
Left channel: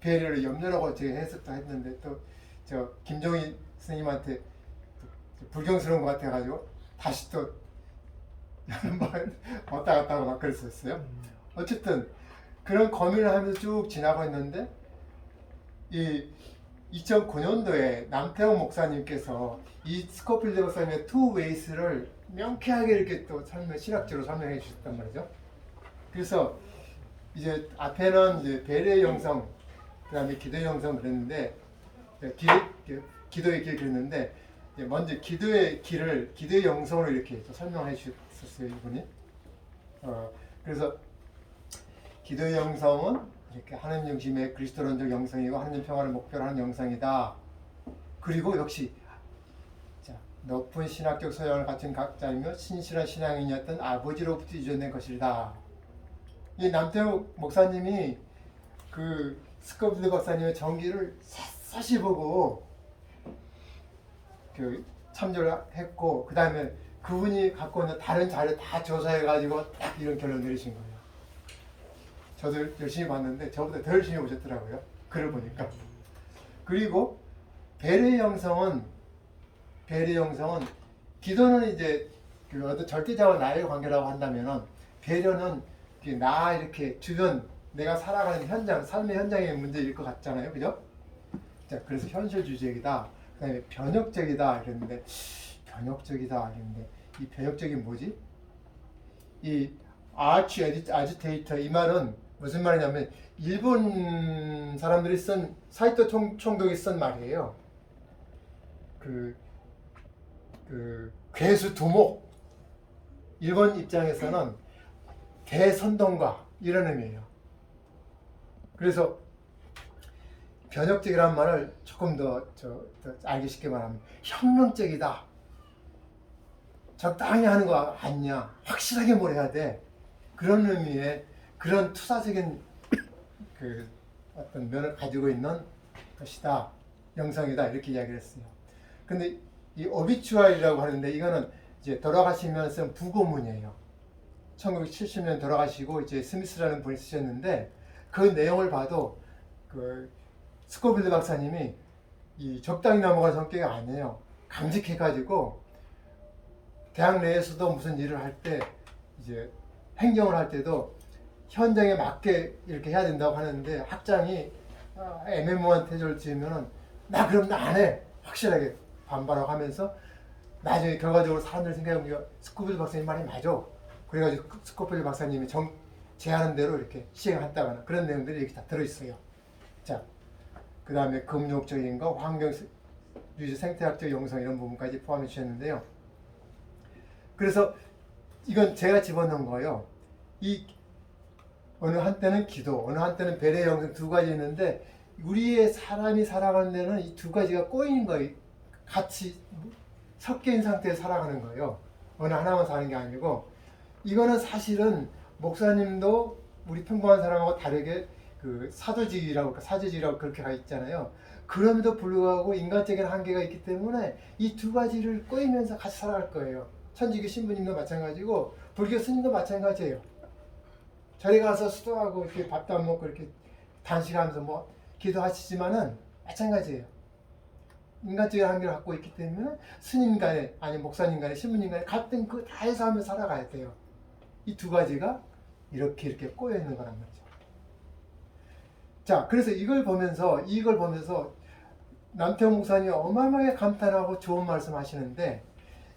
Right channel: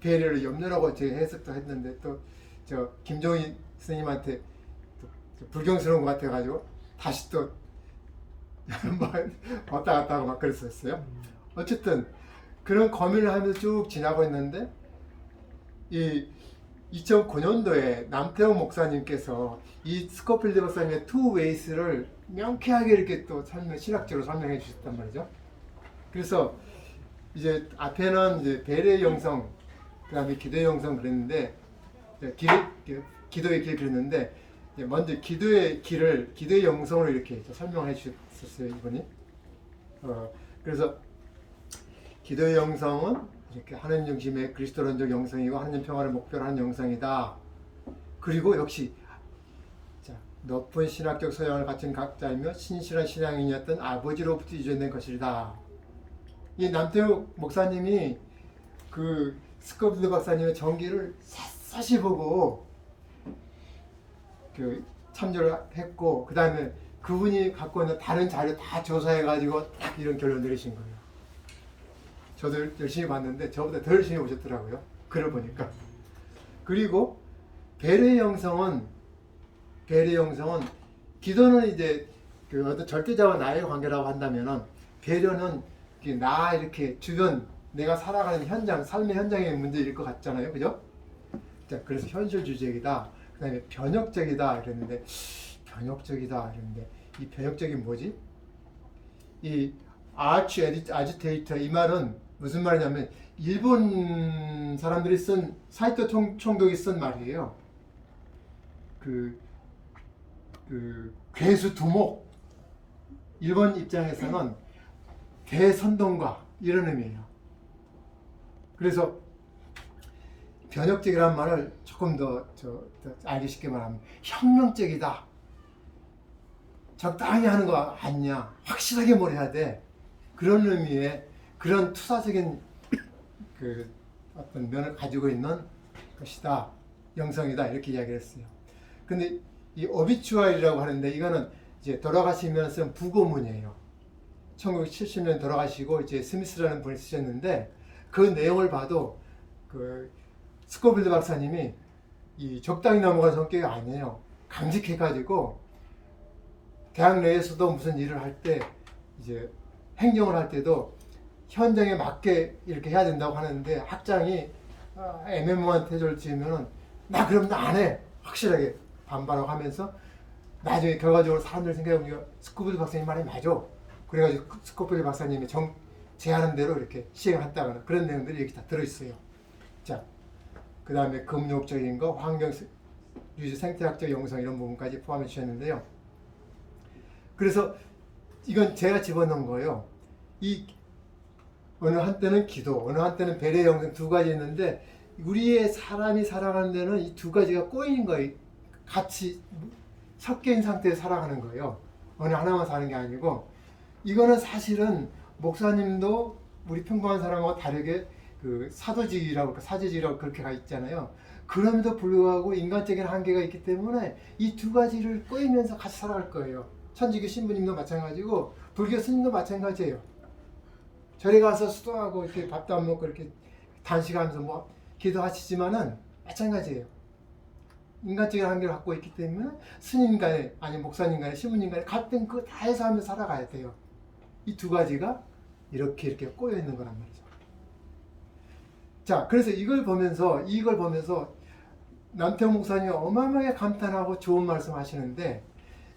배려를 염려라고 제가 해석도 했는데 또 저 김종인 선생님한테 또 불경스러운 것 같아가지고 다시 또 왔다 갔다 하고 막 그랬었어요. 어쨌든 그런 고민을 하면서 쭉 지나고 있는데 이 2009년도에 남태웅 목사님께서 이 스코필드 박사님의 투 웨이스를 명쾌하게 이렇게 또 신학적으로 설명해 주셨단 말이죠. 그래서 이제 앞에는 이제 배려의 영성, 그다음에 기도의 영성 그랬는데 기도의 길 그랬는데 먼저 기도의 길을 기도의 영성으로 이렇게 설명해 주셨어요 이분이. 그래서 기도의 영성은 이렇게 하나님 중심의 그리스도론적 영성이고 하나님 평화를 목표로 하는 영성이다. 그리고 역시 자, 높은 신학적 소양을 갖춘 각자이며 신실한 신앙인이었던 아버지로부터 유전된 것이다. 이 남태욱 목사님이 그 스코필드 박사님의 전기를 샅샅이 보고 그 참조를 했고 그 다음에 그분이 갖고 있는 다른 자료 다 조사해가지고 딱 이런 결론 내리신 거예요. 저도 열심히 봤는데 저보다 더 열심히 보셨더라고요. 글을 보니까. 그리고 배려의 형성은 기도는 이제 그 어떤 절대자와 나의 관계라고 한다면은 배려는 나 이렇게 주변 내가 살아가는 현장, 삶의 현장의 문제일 것 같잖아요, 그죠? 자, 그래서 현실주의적이다. 그다음에 변혁적이다 이랬는데 이 변혁적인 뭐지? 이 아치 아지테이터 이 말은 무슨 말이냐면 일본 사람들이 쓴 사이토 총독이 쓴 말이에요. 그 괴수 두목 일본 입장에서는 대선동가 이런 의미예요. 그래서 변혁적이라는 말을 조금 더 알기 쉽게 말하면 혁명적이다. 적당히 하는 거 아니냐. 확실하게 뭘 해야 돼. 그런 의미의 그런 투사적인 그 어떤 면을 가지고 있는 것이다. 영성이다. 이렇게 이야기를 했어요. 근데 이 오비추아리라고 하는데 이거는 이제 돌아가시면서 부고문이에요. 1970년 돌아가시고 이제 스미스라는 분이 쓰셨는데 그 내용을 봐도 그 스코빌드 박사님이 이 적당히 넘어간 성격이 아니에요. 강직해가지고 대학 내에서도 무슨 일을 할 때 이제 행정을 할 때도 현장에 맞게 이렇게 해야 된다고 하는데 학장이 애매모호한 태도를 지으면은 나 그럼 나 안 해. 확실하게 반발하고 하면서 나중에 결과적으로 사람들 생각해보니까 스코빌드 박사님 말이 맞아. 그래가지고 스코빌드 박사님이 제안한 대로 이렇게 시행했다거나 그런 내용들이 이렇게 다 들어있어요. 자, 그 다음에 금욕적인 거, 환경, 유지, 생태학적 영성 이런 부분까지 포함해 주셨는데요. 그래서 이건 제가 집어넣은 거예요. 이 어느 한때는 기도, 어느 한때는 배려의 영성 두 가지 있는데 우리의 사람이 살아가는 데는 이 두 가지가 꼬이는 거예요. 같이 섞여 있는 상태에서 살아가는 거예요. 어느 하나만 사는 게 아니고 이거는 사실은 목사님도 우리 평범한 사람하고 다르게 그 사도직이라고 사제직이라고 그렇게 가 있잖아요. 그럼에도 불구하고 인간적인 한계가 있기 때문에 이 두 가지를 꼬이면서 같이 살아갈 거예요. 천주교 신부님도 마찬가지고 불교 스님도 마찬가지예요. 절에 가서 수도하고 이렇게 밥도 안 먹고 이렇게 단식하면서 뭐 기도하시지만은 마찬가지예요. 인간적인 한계를 갖고 있기 때문에 스님 간에 아니 목사님 간에 신부님 간에 갈등 그 다 해서 하면서 살아가야 돼요. 이 두 가지가 이렇게 꼬여 있는 거란 말이죠. 자, 그래서 이걸 보면서 남태호 목사님이 어마어마하게 감탄하고 좋은 말씀 하시는데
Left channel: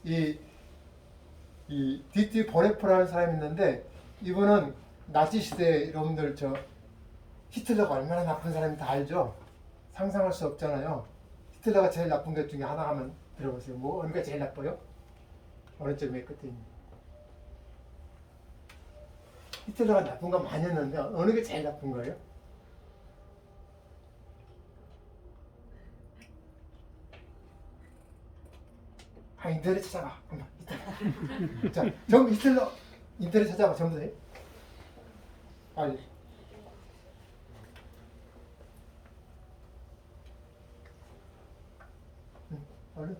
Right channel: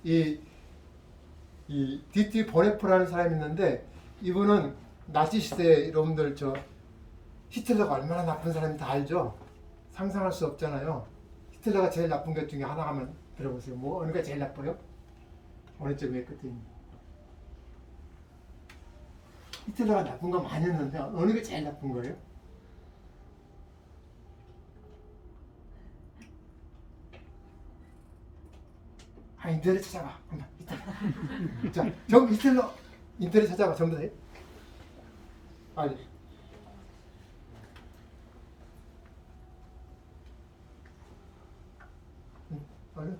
이 디티 보네프라는 사람이 있는데 이분은 나치 시대 여러분들 히틀러가 얼마나 나쁜 사람인지 다 알죠? 상상할 수 없잖아요. 히틀러가 제일 나쁜 것 중에 하나만 들어보세요. 뭐 어느 게 제일 나빠요? 어느 쪽이 끝입니다. 히틀러가 나쁜 거 많이 했는데 어느 게 제일 나쁜 거예요? 인터넷 찾아봐. 한번 히틀러. 자, 전부 히틀러 인터넷 찾아봐. 전부 다. 아니. 얼른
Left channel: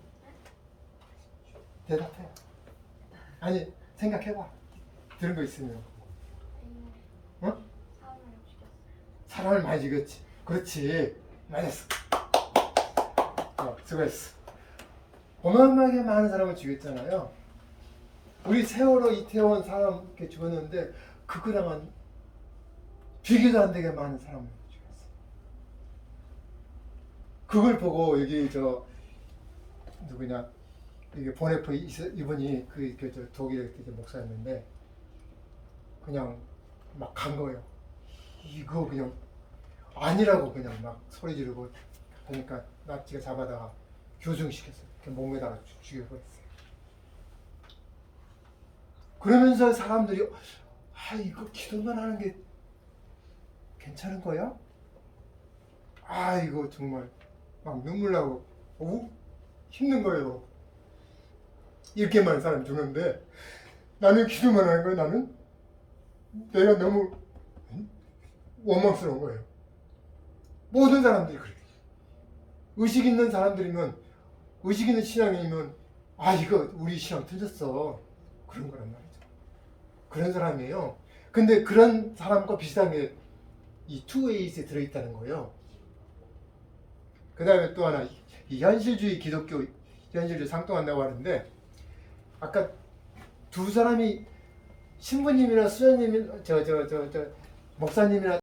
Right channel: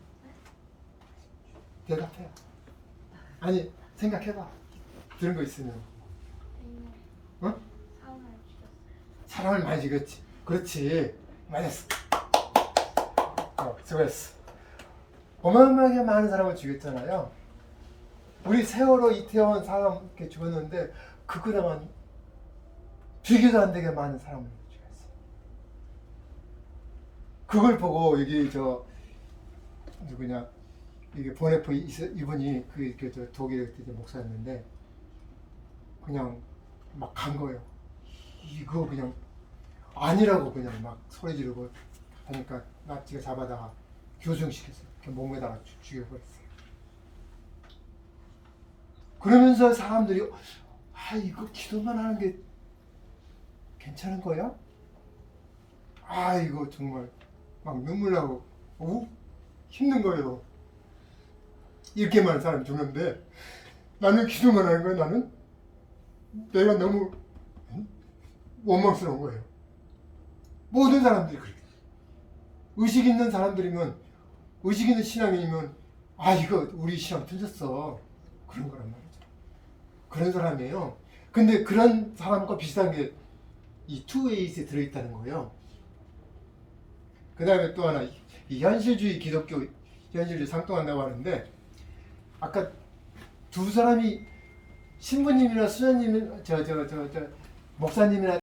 대답해. 아니 생각해봐. 들은 거 있으면. 어? 사람을 많이 죽였지. 그렇지. 맞았어. 수고했어. 어마어마하게 많은 사람을 죽였잖아요. 우리 세월호 이태원 사람 이렇게 죽었는데 그거랑은 비교도 안 되게 많은 사람을 죽였어요. 그걸 보고 여기 누구냐 이게 보네프 이분이 독일 목사였는데 그냥 막 간 거예요. 이거 그냥 아니라고 그냥 막 소리 지르고 하니까 납치가 잡아다가 교정시켰어요. 몸에다가 죽여버렸어요. 그러면서 사람들이 이거 기도만 하는 게 괜찮은 거야? 이거 정말 막 눈물 나고 힘든 거예요. 이렇게 많은 사람이 죽는데 나는 기도만 하는 거야. 나는 내가 너무 원망스러운 거예요. 모든 사람들이 그래. 의식 있는 사람들이면 의식 있는 신앙이면 이거 우리 신앙 틀렸어. 그런 거란 말이죠. 그런 사람이에요. 근데 그런 사람과 비슷한 게 이 투웨이스에 들어있다는 거예요. 그 다음에 또 하나 이 현실주의 기독교 현실주의 상통한다고 하는데 아까 두 사람이 신부님이나 수녀님 목사님이나